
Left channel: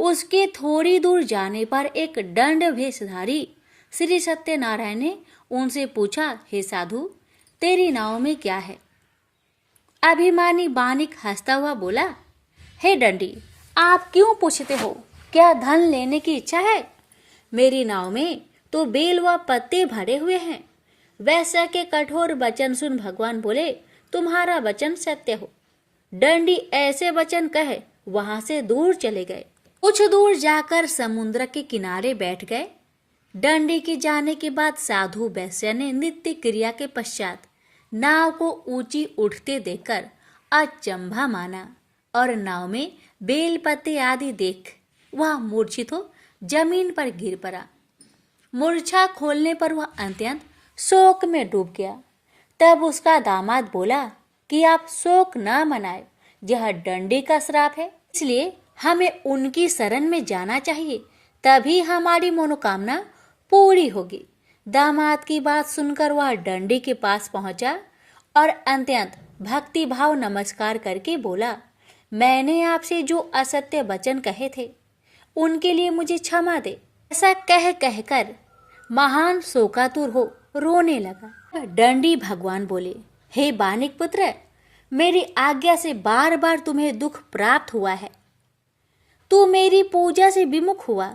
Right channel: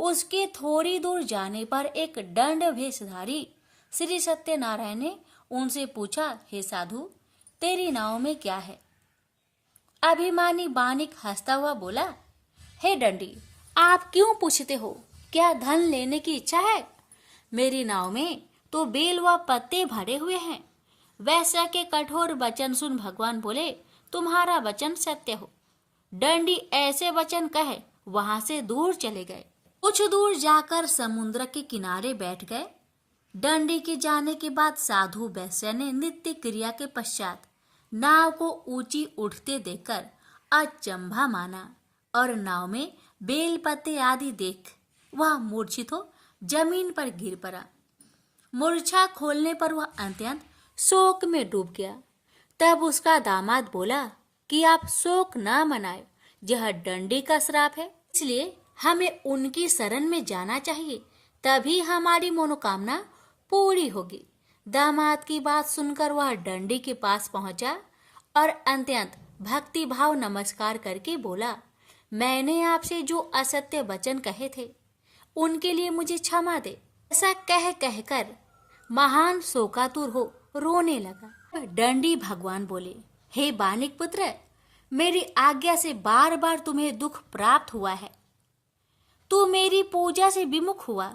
उसके थोड़ी दूर जाने पर एक दंड भेषधारी श्री सत्यनारायण ने उनसे पूछा, हे साधु, तेरी नाव में क्या है? अभिमानी बानिक हंसता हुआ बोला, हे दंडी, आप क्यों पूछते हो? क्या धन लेने की इच्छा है? मेरी नाव में तो बेल व पत्ते भरे हुए हैं। वैश्या के कठोर वचन सुन भगवान बोले, तुम्हारा वचन सत्य हो। दंडी ऐसे वचन कहे वहां से दूर चले गए। कुछ दूर जाकर समुद्र के किनारे बैठ गए। दंडी के जाने के बाद साधु वैश्या ने नित्य क्रिया के पश्चात नाव को ऊंची उठते देखकर अचंभा माना और नाव में बेल पत्ते आदि देख वह मूर्छित हो जमीन पर गिर पड़ा। मूर्छा खोलने पर वह अत्यंत शोक में डूब गया। तब उसका दामाद बोला कि आप शोक ना मनाए, यह दंडी का श्राप है, इसलिए हमें उनकी शरण में जाना चाहिए, तभी हमारी मनोकामना पूरी होगी। दामाद की बात सुनकर वह दंडी के पास पहुंचा और अत्यंत भक्ति भाव नमस्कार करके बोला, मैंने आपसे जो असत्य वचन कहे थे उनके लिए मुझे क्षमा दे। ऐसा कह कहकर महान शोकातुर हो रोने लगा। दंडी भगवान बोले, हे बानिक पुत्र, मेरी आज्ञा से बार बार तुम्हें दुख प्राप्त हुआ है, तू मेरी पूजा से विमुख हुआ।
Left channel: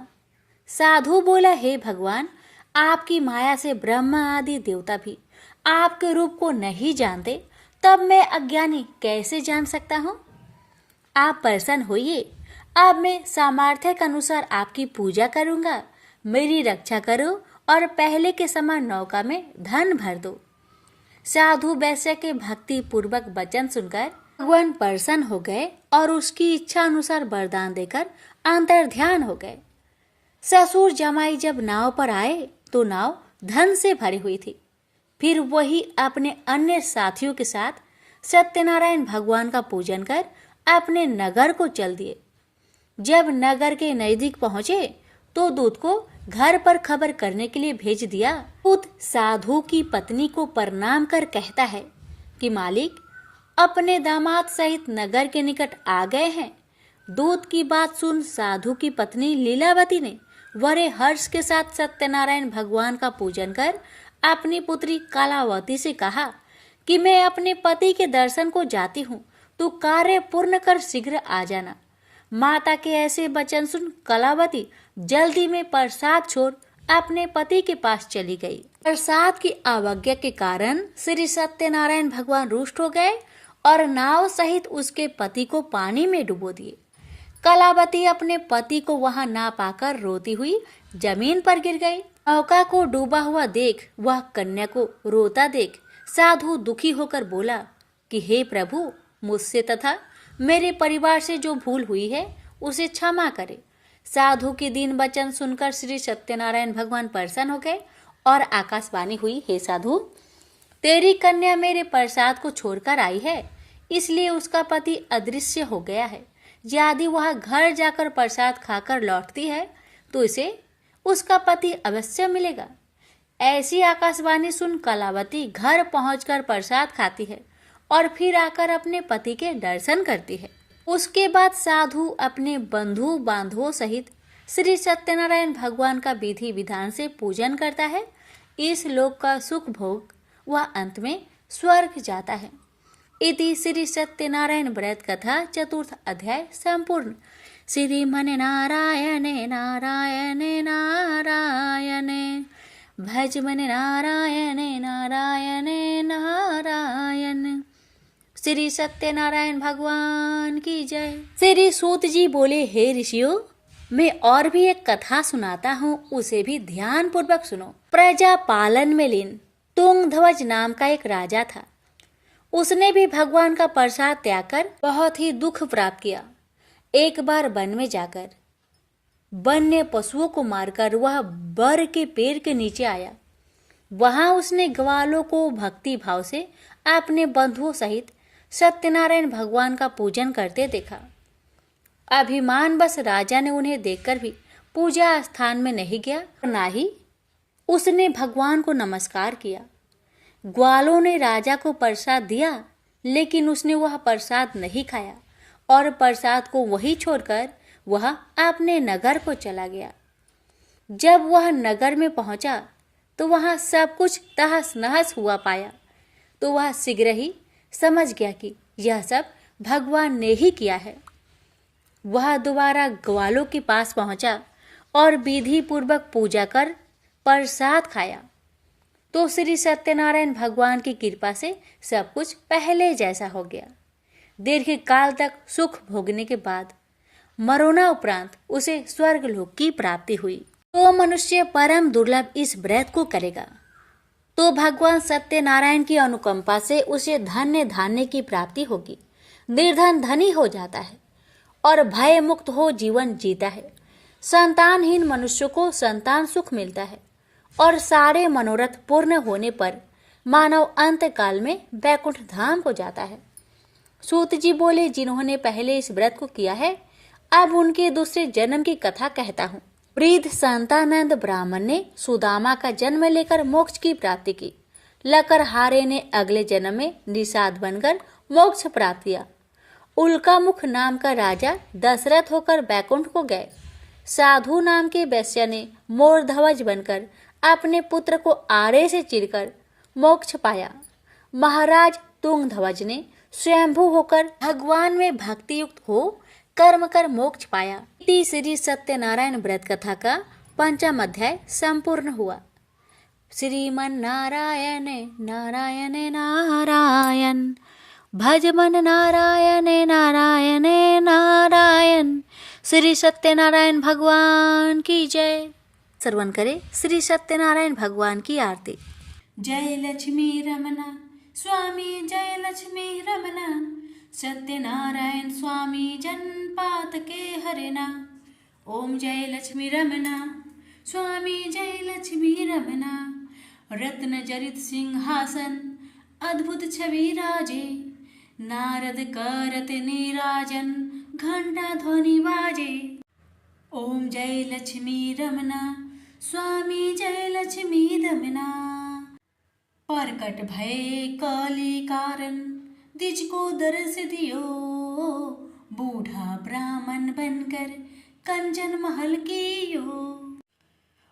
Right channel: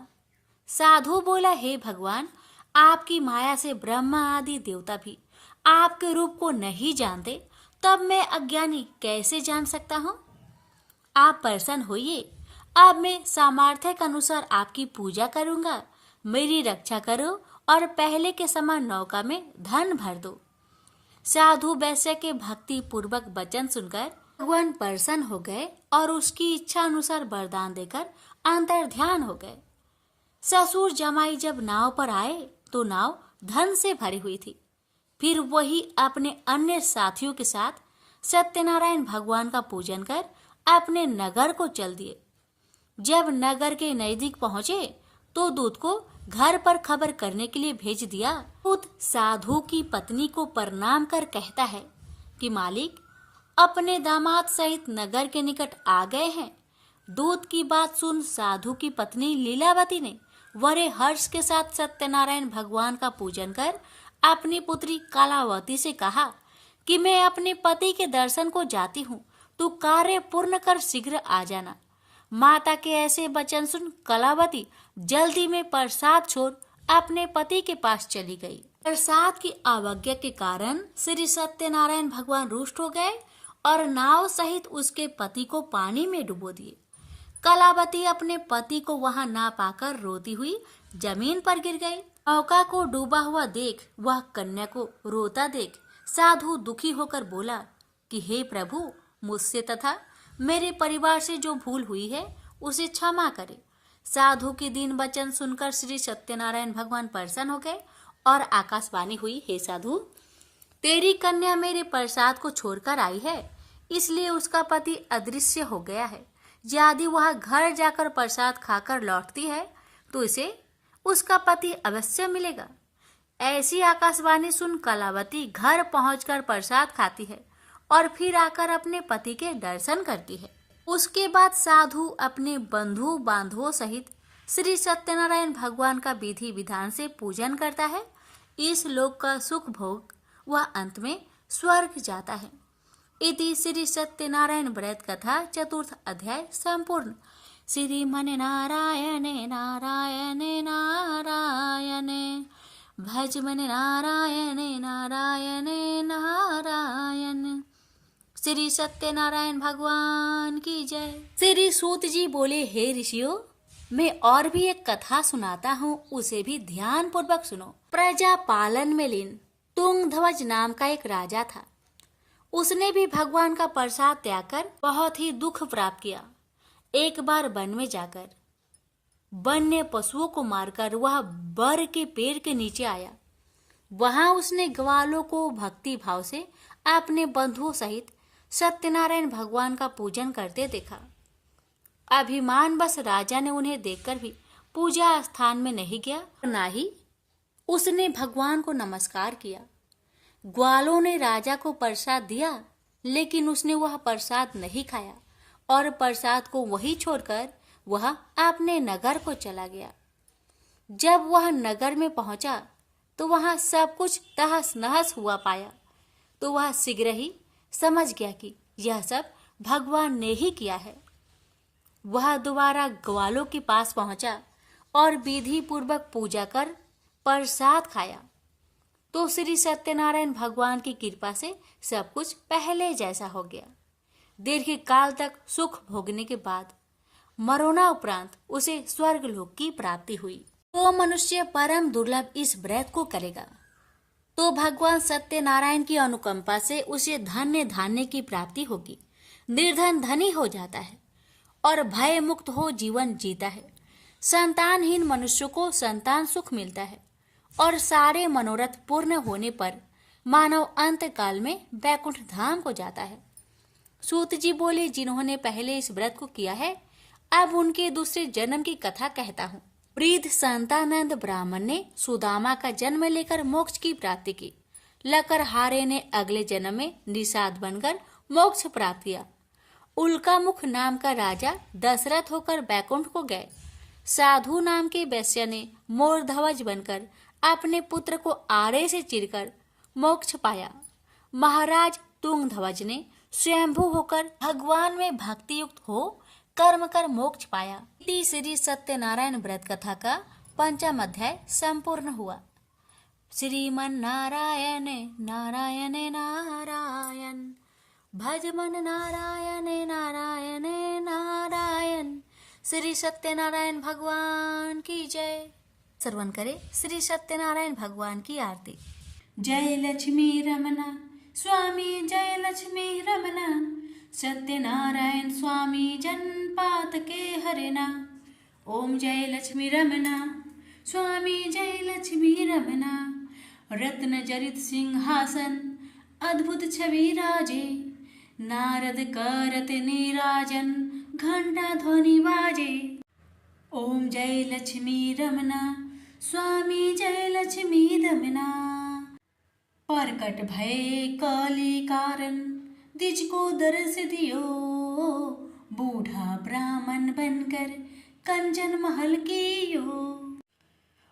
साधु बोला, हे भगवान, आपकी माया से ब्रह्मा आदि देवता भी आपके रूप को नहीं जानते, तब मैं अज्ञानी कैसे जान सकता हूँ? आप प्रसन्न होइए, अब मैं सामर्थ्य के अनुसार आपकी पूजा करूंगा। मेरी रक्षा करो और पहले के समान नौका में धन भर दो। साधु वैश्य के भक्ति पूर्वक वचन सुनकर भगवान प्रसन्न हो गए और उसकी इच्छा अनुसार वरदान देकर अंतर्ध्यान हो गए। ससुर जमाई जब नाव पर आए तो नाव धन से भरी हुई थी। फिर वही अपने अन्य साथियों के साथ सत्यनारायण भगवान का पूजन कर अपने नगर को चल दिए। जब नगर के नजदीक पहुंचे तो दूत को घर पर खबर करने के लिए भेज दिया। दूत साधु की पत्नी को प्रणाम कर कहता है कि मालिक अपने दामाद सहित नगर के निकट आ गए हैं। दूत की बात सुन साधु की पत्नी लीलावती ने बड़े हर्ष के साथ सत्यनारायण भगवान का पूजन कर अपनी पुत्री कलावती से कहा कि मैं अपने पति के दर्शन को जाती हूँ, तो कार्य पूर्ण कर शीघ्र आ जाना। माता के ऐसे वचन सुन कलावती जल्दी में प्रसाद छोड़ अपने पति के पास चली गई। प्रसाद की अवज्ञा के कारण श्री सत्यनारायण भगवान रुष्ट हो गए और नाव सहित उसके पति को पानी में डुबो दिए। कलावती अपने पति को वहां ना पाकर रोती हुई जमीन पर गिर गई। नौका को डूबा हुआ देख वह कन्या को रोता देख साधु दुखी होकर बोला कि हे प्रभु, मुझसे तथा मेरे परिवार से जो भूल हुई है उसे क्षमा करे। साधु के दीन वचन सुनकर श्री सत्यनारायण भगवान प्रसन्न हो गए और आकाशवाणी हुई, हे साधु, तेरी कन्या मेरे प्रसाद को छोड़कर आई है, इसलिए उसका पति अदृश्य हो गया है। यदि वह घर जाकर प्रसाद खाकर लौटती है तो इसे उसका पति अवश्य मिलेगा। ऐसी आकाशवाणी सुन कलावती घर पहुंचकर प्रसाद खाती है और फिर आकर अपने पति के दर्शन करती है। उसके बाद साधु अपने बंधु बांधवों सहित श्री सत्यनारायण भगवान का विधि विधान से पूजन करता है। इस लोक का सुख भोग वह अंत में स्वर्ग जाता है। इति श्री सत्यनारायण व्रत कथा चतुर्थ अध्याय संपूर्ण। श्रीमन नारायणे नारायणे नारायणे भज मन नारायणे नारायणे नारायण। श्री सत्यनारायण भगवान की जय। श्री सूत जी बोले, हे ऋषियों, मैं और भी एक कथा सुनाता हूँ, उसे भी ध्यान पूर्वक सुनो। प्रजा पालन में लीन तुंगध्वज नाम का एक राजा था। उसने भी भगवान का प्रसाद त्याग कर बहुत ही दुख प्राप्त किया। एक बार वन में जाकर वन्य पशुओं को मारकर वह बर के पेड़ के नीचे आया। वहां उसने ग्वालों को भक्ति भाव से अपने बंधुओं सहित सत्यनारायण भगवान का पूजन करते देखा। अभिमानवश राजा ने उन्हें देखकर भी पूजा स्थान में नहीं गया, ना ही उसने भगवान को नमस्कार किया। ग्वालों ने राजा को प्रसाद दिया, लेकिन उसने वह प्रसाद नहीं खाया और प्रसाद को वहीं छोड़कर वह अपने नगर को चला गया। जब वह नगर में पहुंचा तो वहां सब कुछ तहस नहस हुआ पाया। तो वह शीघ्र ही समझ गया कि यह सब भगवान ने ही किया है। वह दोबारा ग्वालों के पास पहुंचा और विधि पूर्वक पूजा कर प्रसाद खाया। तो श्री सत्यनारायण भगवान की कृपा से सब कुछ पहले जैसा हो गया। दीर्घ काल तक सुख भोगने के बाद मरोना उपरांत उसे स्वर्ग लोक की प्राप्ति हुई। तो मनुष्य परम दुर्लभ इस व्रत को करेगा तो भगवान सत्यनारायण की अनुकंपा से उसे धन्य धान्य की प्राप्ति होगी। निर्धन धनी हो जाता है और भय मुक्त हो जीवन जीता है। संतानहीन मनुष्य को संतान सुख मिलता है और सारे मनोरथ पूर्ण होने पर मानव अंत काल में बैकुंठ धाम को जाता है। सूत जी बोले, जिन्होंने पहले इस व्रत को किया है, अब उनके दूसरे जन्म की कथा कहता हूँ। वृद्ध संतानंद ब्राह्मण ने सुदामा का जन्म लेकर मोक्ष की प्राप्ति की। लकरहारे ने अगले जन्म में निषाद बनकर मोक्ष प्राप्त किया। उल्कामुख नाम का राजा दशरथ होकर बैकुंठ को गए। साधु नाम के वैश्य ने मोरध्वज बनकर अपने पुत्र को आरे से चीरकर मोक्ष पाया। महाराज तुंगध्वज ने स्वयंभू होकर भगवान में भक्ति युक्त हो कर्म कर मोक्ष पाया। श्री सत्यनारायण व्रत कथा का पंचम अध्याय संपूर्ण हुआ। श्रीमन नारायण नारायण नारायण भज मन नारायण नारायण नारायण। श्री सत्यनारायण भगवान की जय। श्रवण करे श्री सत्यनारायण भगवान की आरती। जय लक्ष्मी रमना स्वामी, जय लक्ष्मी रमना सत्यनारायण स्वामी, जनपात के हरना। ओम जय लक्ष्मी रमना स्वामी, जय लक्ष्मी रमना। रत्न जरित सिंहासन अद्भुत छवि राजे, नारद करत नीराजन घंटा ध्वनि बाजे। ओम जय लक्ष्मी रमना स्वामी, जय लक्ष्मी रमना। प्रकट भय काली कारण द्विज को दर्श दियो, बूढ़ा ब्राह्मण बनकर कंचन महल कियो।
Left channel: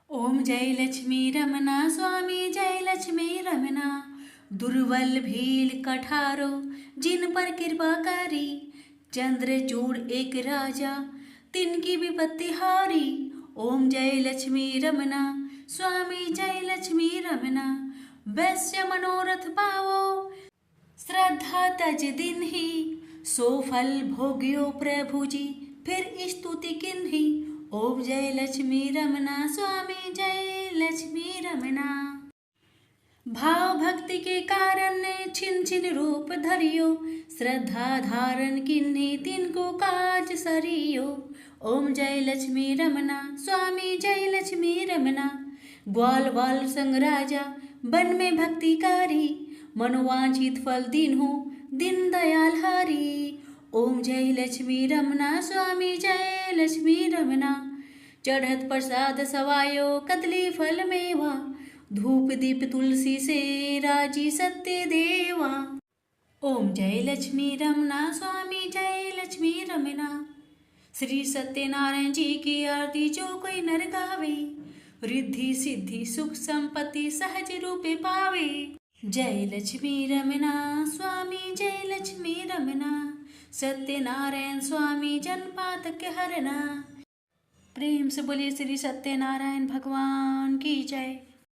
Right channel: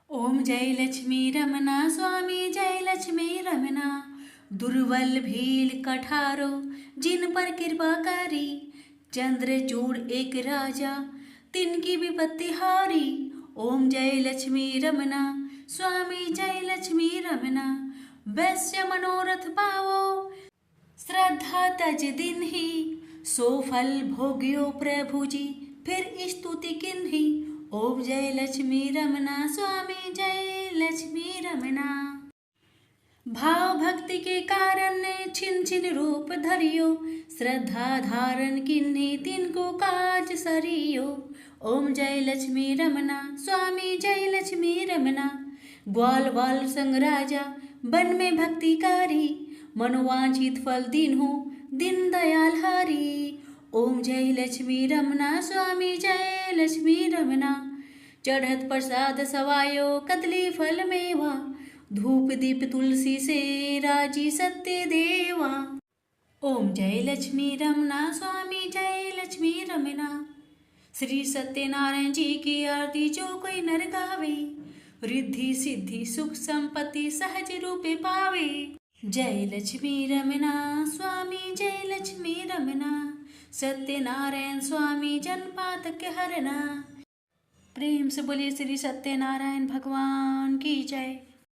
ओम जय लक्ष्मी रमना स्वामी, जय लक्ष्मी रमना। दुर्बल भील कठारो जिन पर कृपा करी, चंद्रचूड़ एक राजा तिनकी विपत्ति हारी। ओम जय लक्ष्मी रमना स्वामी, जय लक्ष्मी रमना। वैश्य मनोरथ पावो श्रद्धा तज दिन ही, सो फल भोग्यो प्रभु जी फिर स्तुति किन्ही। ओम जय लक्ष्मी रमना स्वामी, जय लक्ष्मी रमना। भाव भक्ति के कारण ने छिन छिन रूप धरियो, श्रद्धा धारण किन्ही तिनको काज सरियो। ओम जय लक्ष्मी रमना स्वामी, जय लक्ष्मी रमना। ग्वाल वाल संग राजा वन में भक्ति कारी, मनोवांछित फल दीन्हो दिन दयाल हरि। ओम जय लक्ष्मी रमना स्वामी, जय लक्ष्मी रमना। चढ़त प्रसाद सवायो कदली फल मेवा, धूप दीप तुलसी से राजी सत्य देवा। ओम जय लक्ष्मी रमना स्वामी, जय लक्ष्मी रमना। श्री सत्यनारायण जी की आरती जो कोई नर गावे, रिद्धि सिद्धि सुख संपत्ति सहज रूपे पावे। जय लक्ष्मी रमना स्वामी जय लक्ष्मी रमना, सत्यनारायण स्वामी जन पातक हरना। प्रेम से बोलिए श्री सत्यनारायण भगवान की जय।